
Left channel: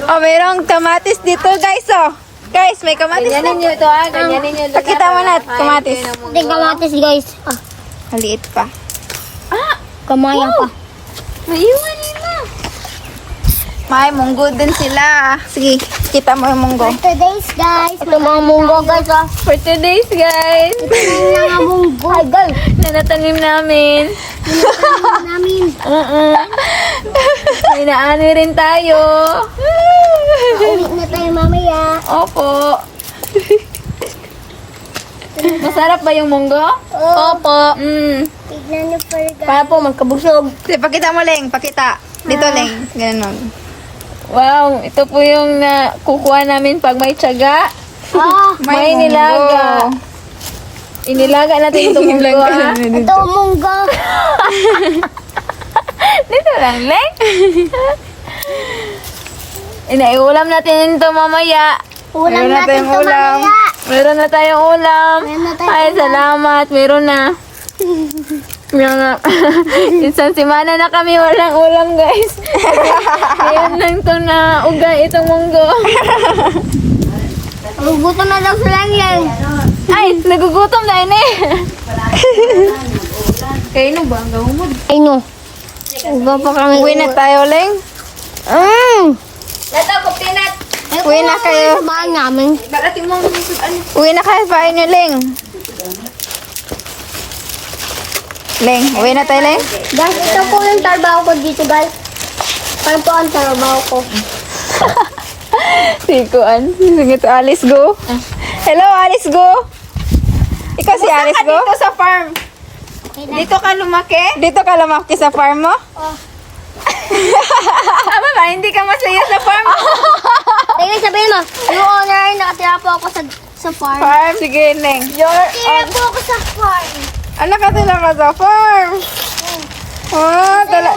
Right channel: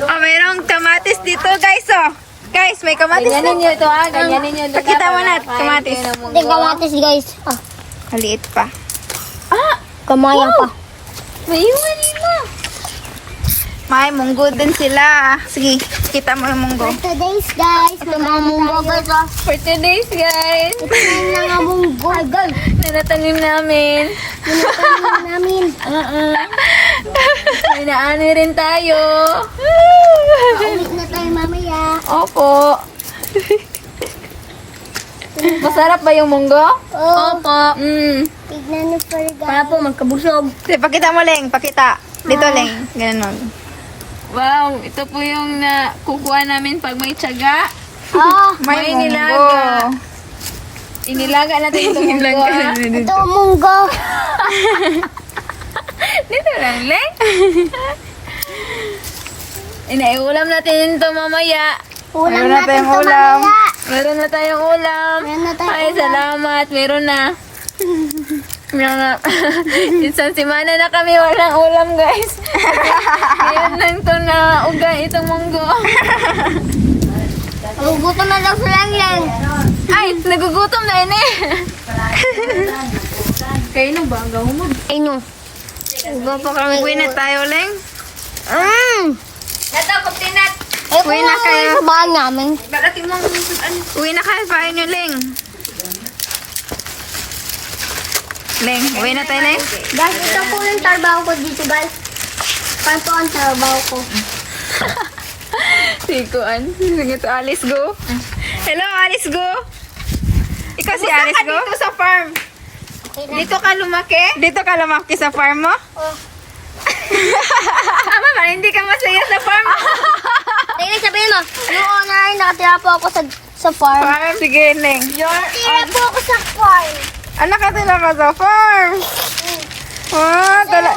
Oh, mayroong kamatis dito, guys, oh. Guys, may kamatis na. Pakita mo na, kamatis. Ito yung kamatis guys. Ah, Maliit pa. kamaya pa. May munggo din sila. Sige, kita mo yung munggo. For today's guys, may mga munggo guys. Oh. For today's, guys. May mga munggo. Ay guys, Nanatanim namin. pinatanim namin. May naani rin tayo. Uwi na tayo mamaya. Opo. Masarap ba yung munggo? Opo. Mm. Tignan niyo for guys. Para po magkabusog. Sige, pakita mo, Leng. Pakita. Dito, Leng. Ganun. Wow, ito po yung nakukuha namin pag may tiyaga. Ah, May nilaga. Inilaga natin itong munggo. ah. ito ang munggo. Dito lang, Leng. Inaiulam natin ito mamaya. Ulam Meron na natin tayong ito ulam. mamaya. Meron na tayong ulam. Meron na tayong Ay, ulam. salamat. Meron na. Yan nga. Isang semana na kami walang ulam, guys. Ngayon lang ito na ugay itong munggo. Magugutom na daw sila yan. Ay, nagugutom na ini. Kayo na ba? Gawin mo. Ayun. Ugo pa kami. Uwi na tayo, Leng. Ito, kupinat. Uwi na tayo sa bahay namin. Uwi na kayo pa inyo, Leng. Leng, uwi na tayo, Leng. Guys, ito po yung trabaho ko dito, guys. Paano po ang trabaho ko? Sikuan. Sige to, Alice, go. Hello, Alice, go. Ikaw si Alice, go? Dito sa farm. Dito ka lumaki? Dito ka lumaki sa farm mo? Oh. Tama ba? Hindi ka masaya sa farm? Tingnan sabihin mo, noon na rin nakatira po ako sa farm. Farm? Sige, Neng. Nakatira po ako sa farm. Anak ka sila ka sa farm.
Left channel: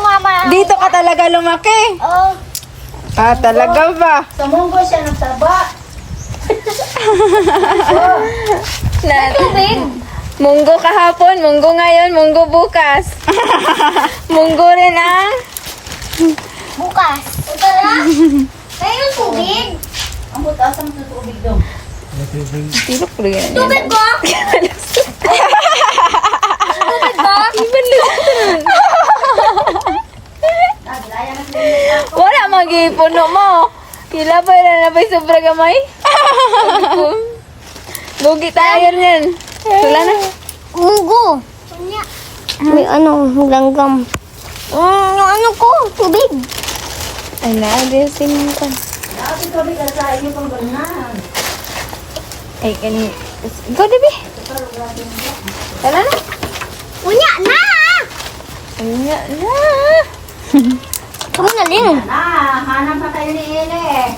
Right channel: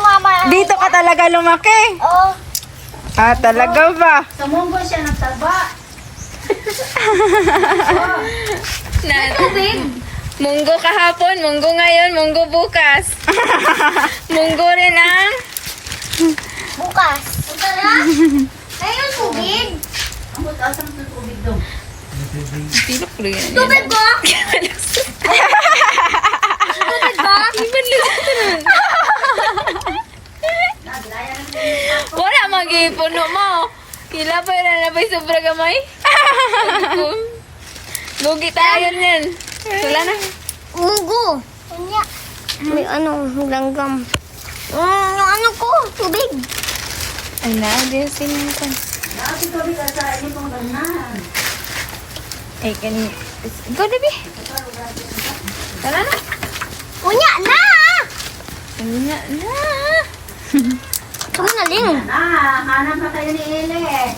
Mama. Dito ka talaga lumaki. Oh. Talaga ba? Sa munggo siya nagtaba. Munggo kahapon, munggo ngayon, munggo bukas. Munggo rin ang... Bukas. Tara. Ayun, tubig. Ang butas ang tubig doon. Tilok ko yan. Tubig ba? Tubig ba? Wala mag-ipuno mo. Kila pa na napay sobra gamay. Lugi tayo niyan. Wala na. Munggo. May ano, langgam. Yung ano ko, tubig. Ay na, adisin ko. Kasi tubig at sa inyo kong ganan. Ay, kani. Go, Debbie. Tara na. Unya na! Unya na. Kami na din. Hanap na kayo ni Ele.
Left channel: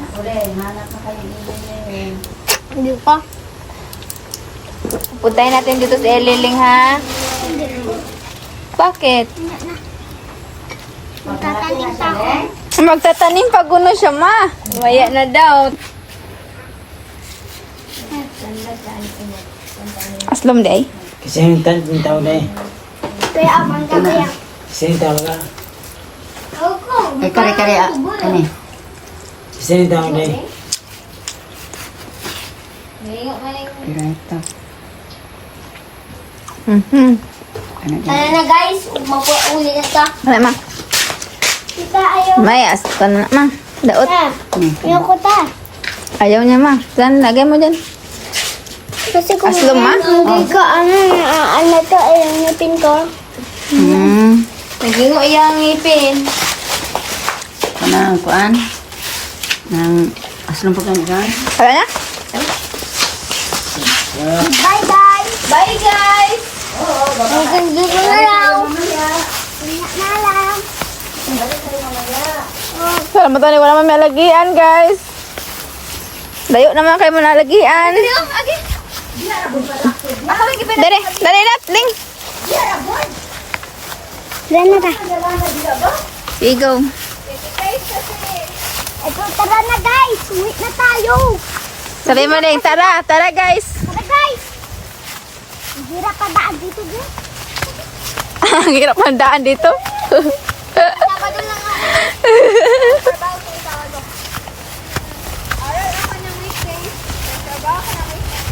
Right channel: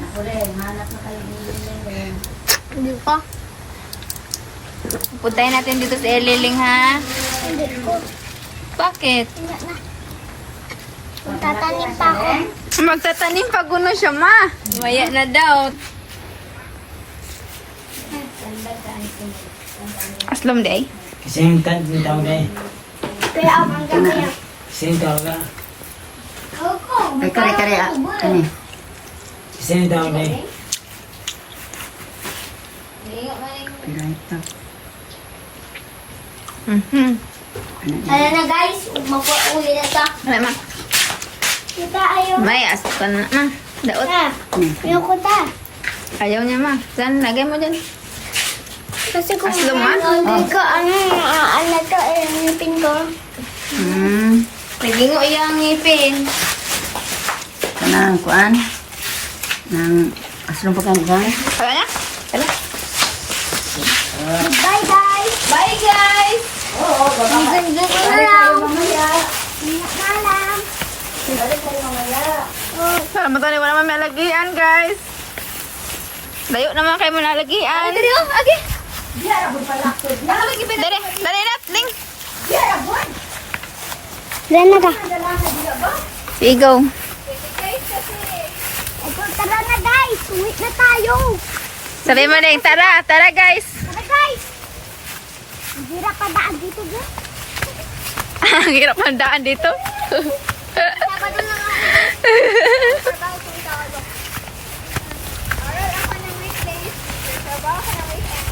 Ako rin, hanap na kayo ni Ele. Hindi pa. Puntayin natin dito sa Eliling, ha? Bakit? Unya na. Magtatanim pa ako. Magtatanim pag guno siya, ma. Waya na daw. Aslom day. Kasi yung tawag na eh. Kaya abang kami yan. Kasi yung tawag ka. Ako. Ay, kare-kare kani. Kasi yung tawag na eh. Ito. Tara na guys, mag-uuli na ito. Wala, ma. Kita ayaw. May asal ka na, ma. Daot. Na. Ayaw ko ta. Ayaw niya, ma. Saan? Lagyan mo dyan. Kasi kung Aslom, ma? hindi ka, ano to, ayaw ngipin ko. Hindi mo iyang ngipin. Kanang kuan. Nang aslong pagkansan. Wala na? Bye guys. Bye, guys! Hanggang dito na lang. Ingat na lang. Salamat na wala may malagian, guys. Dayo naman kayo manalagian. Dere, dere na, Ling. Dahil na ba? Sige, go. Ito, tara na guys. Uwi na tayo. Sabi mo, Ling, tara, tara, guys. Tara guys. Ang hirap pa daan dito bro. Ang hirap ang daan dito. Sabado na nga ako. Trabaho ko yung tawag ko. Aral ako ng weekend. Trabaho ko ng weekend.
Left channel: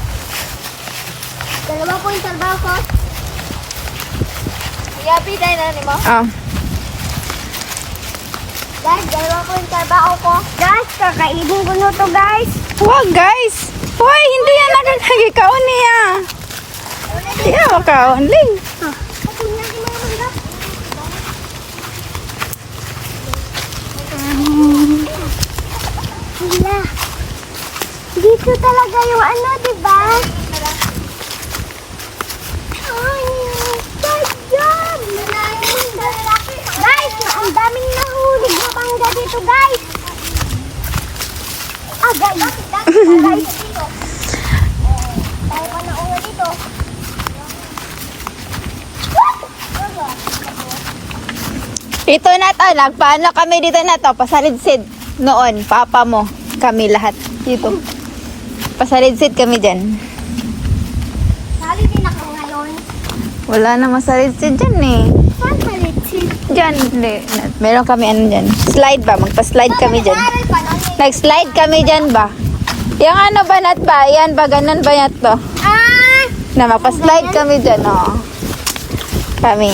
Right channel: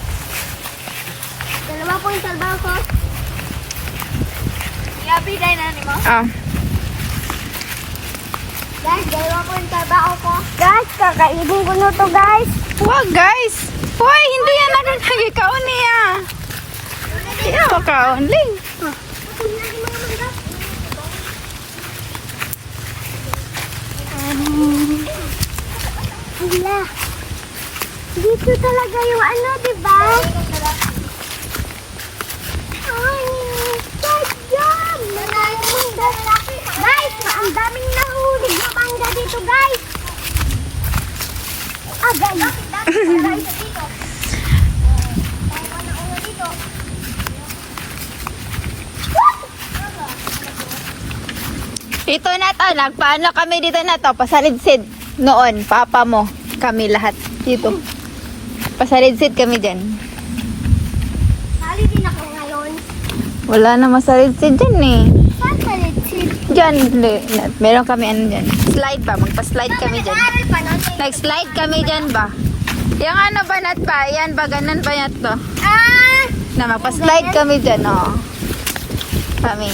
Dalawa po yung trabaho ko. Yapi dahil na mo. Ah. Guys, dalawa po yung trabaho ko. Guys, kakainin ko na to guys. Wag, guys. Hoy, hindi yan nagkakagikaon niya. Hindi ka makaon, Ling. Hala. Dito talaga yung ano, di ba? Ay, sayang! Guys, ang daming nahuli na mangga dito, guys. Ah, guys. Guys, dito. Tayo pa na ulo dito. Ito na to, nagpaano kami dito na to, pasalidsid noon, papa mo, kami lahat dito. Pasalidsid kami dyan. Sali din ako ngayon. Wala na masalidsid dyan eh. Saan salitsid? Dyan, hindi. Meron kami ano dyan. Slide ba? Magpa-slide kami dyan. Nag-aaral pa nun. Nag-slide kami dyan ba? Yung ano ba nat ba? Yan ba? Ganun ba nat to? Ah! Na magpa-slide kami dyan, oh. Kami,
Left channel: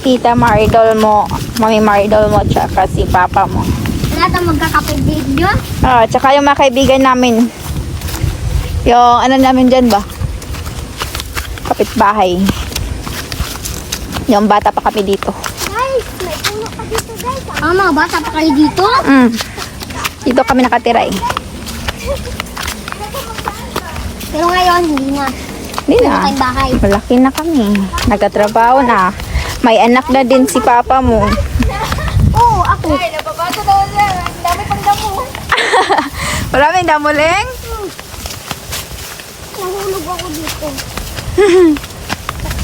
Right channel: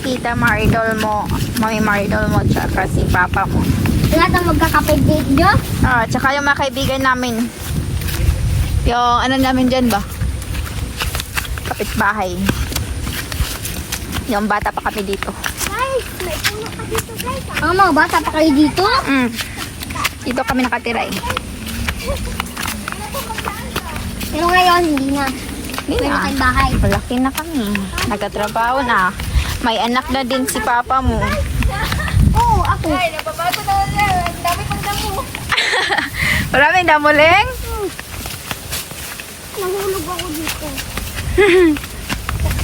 Tita Maridol mo, Mami Maridol mo, tsaka si Papa mo. Lahat ang magkakapit video. Ah, tsaka yung mga kaibigan namin. Yung ano namin dyan ba? Kapitbahay. Yung bata pa kami dito. Guys, may ano pa dito guys. Ah, mga bata pa kayo dito? Dito kami nakatira eh. Pero ngayon, hindi na. Di Meron na. tayong bahay. Malaki na kami. Nagkatrabaho na. May anak na din si papa mo. Oo, ako. Maraming damuling? Nahulog ako dito.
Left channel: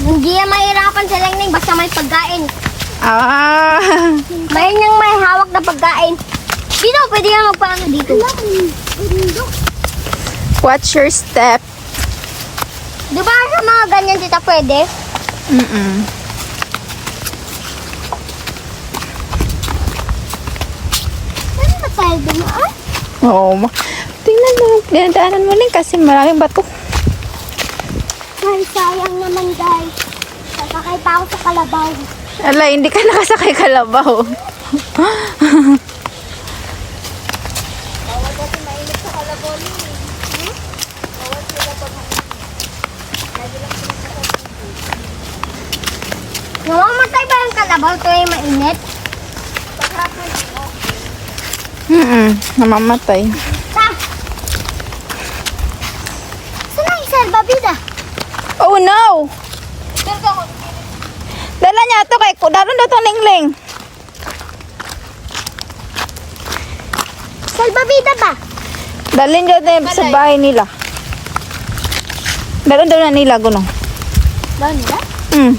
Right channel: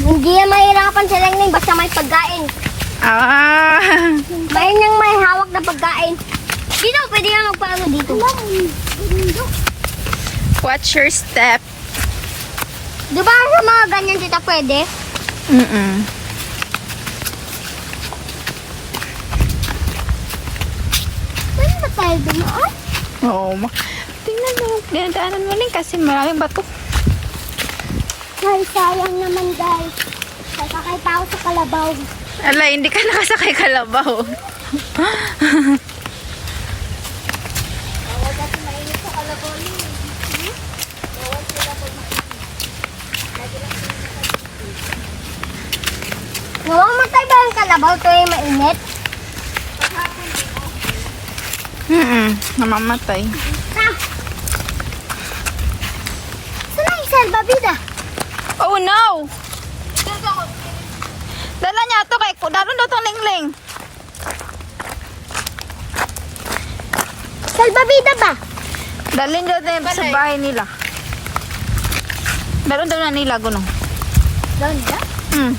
Hindi yan mahirapan sila ng basta may pagkain. Ah. May nang may hawak na pagkain. Dito, pwede yan magpaano dito. Watch your step. Diba sa mga ganyan tita pwede? Mm-mm. Pwede ba tayo dumaan? Oo. Tingnan mo. Dinadaanan mo lang kasi maraming bato. Ay, sayang naman guys. Sasakay pa ako sa kalabaw. Ala, hindi ka nakasakay kalabaw. Namamatay ba yung kalabaw tuwing mainit? Namamatay. Ta! Saan ang salbabida? Oh no! Dala niya ito kay Kudaron daw itong lingling. Salbabida ba? Dalhin daw na sa bahay nila. Dalhin daw na nila, gunong. Gano'n ba? Hmm.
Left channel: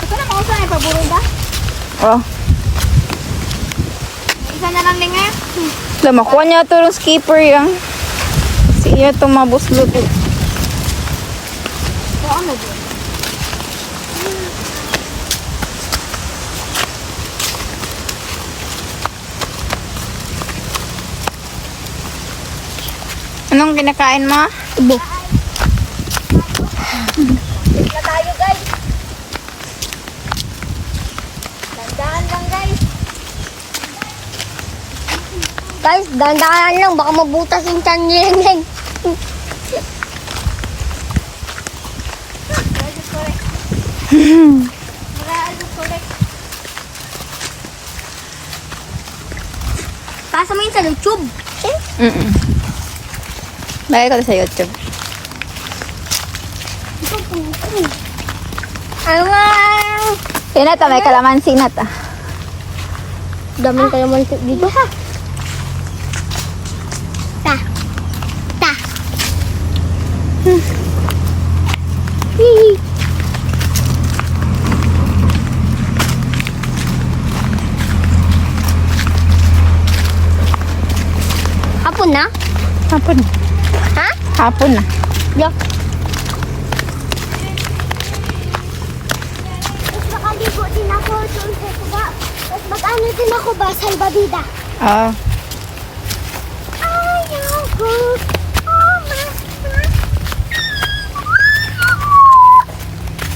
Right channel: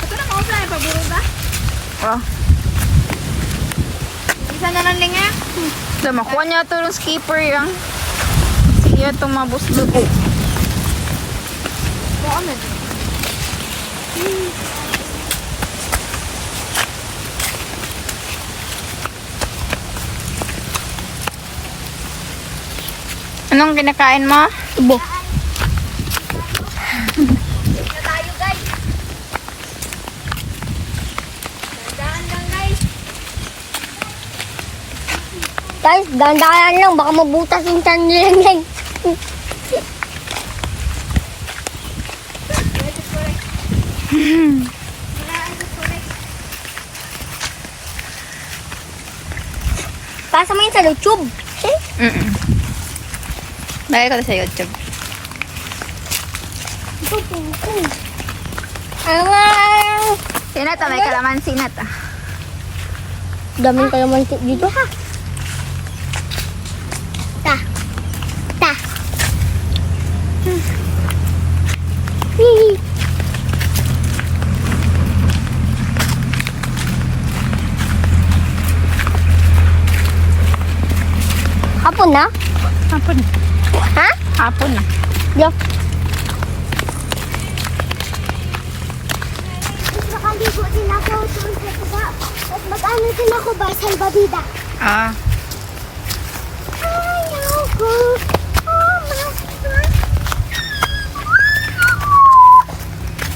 Ito na kung saan, paburo ba? Oh. Isa na lang nga. Makuha niya ito yung skipper yung. Siya itong mabuslot. Baka na din. Anong kinakain mo? Tubo. Na tayo guys. Dandahan lang guys. Guys, dandahan lang. Baka mabutas yung tiyan niya. Pasa mo yun sa YouTube. Lagay ko sa YouTube. Ito po. Ang Inata, may kalamansi na ta. daming kayo man dito. Ta. Ta. Hihi. Hapon na? Hapon na. Ha? Hapon na. Yeah. Tapos nakaligo din ako doon sa tuba. Tapos mag-ano din ako ba, salbabida. Ah. Ayaw ko. Oh,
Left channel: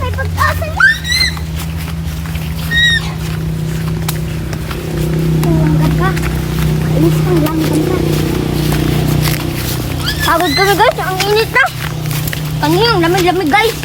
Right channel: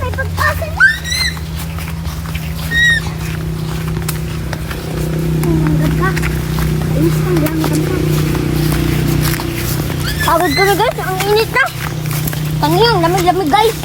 may pag-asa na. Ang ganda. Kainis pang lang, ganda. Pagod kami guys, ang init na. Kaniyang lamig-lamig guys.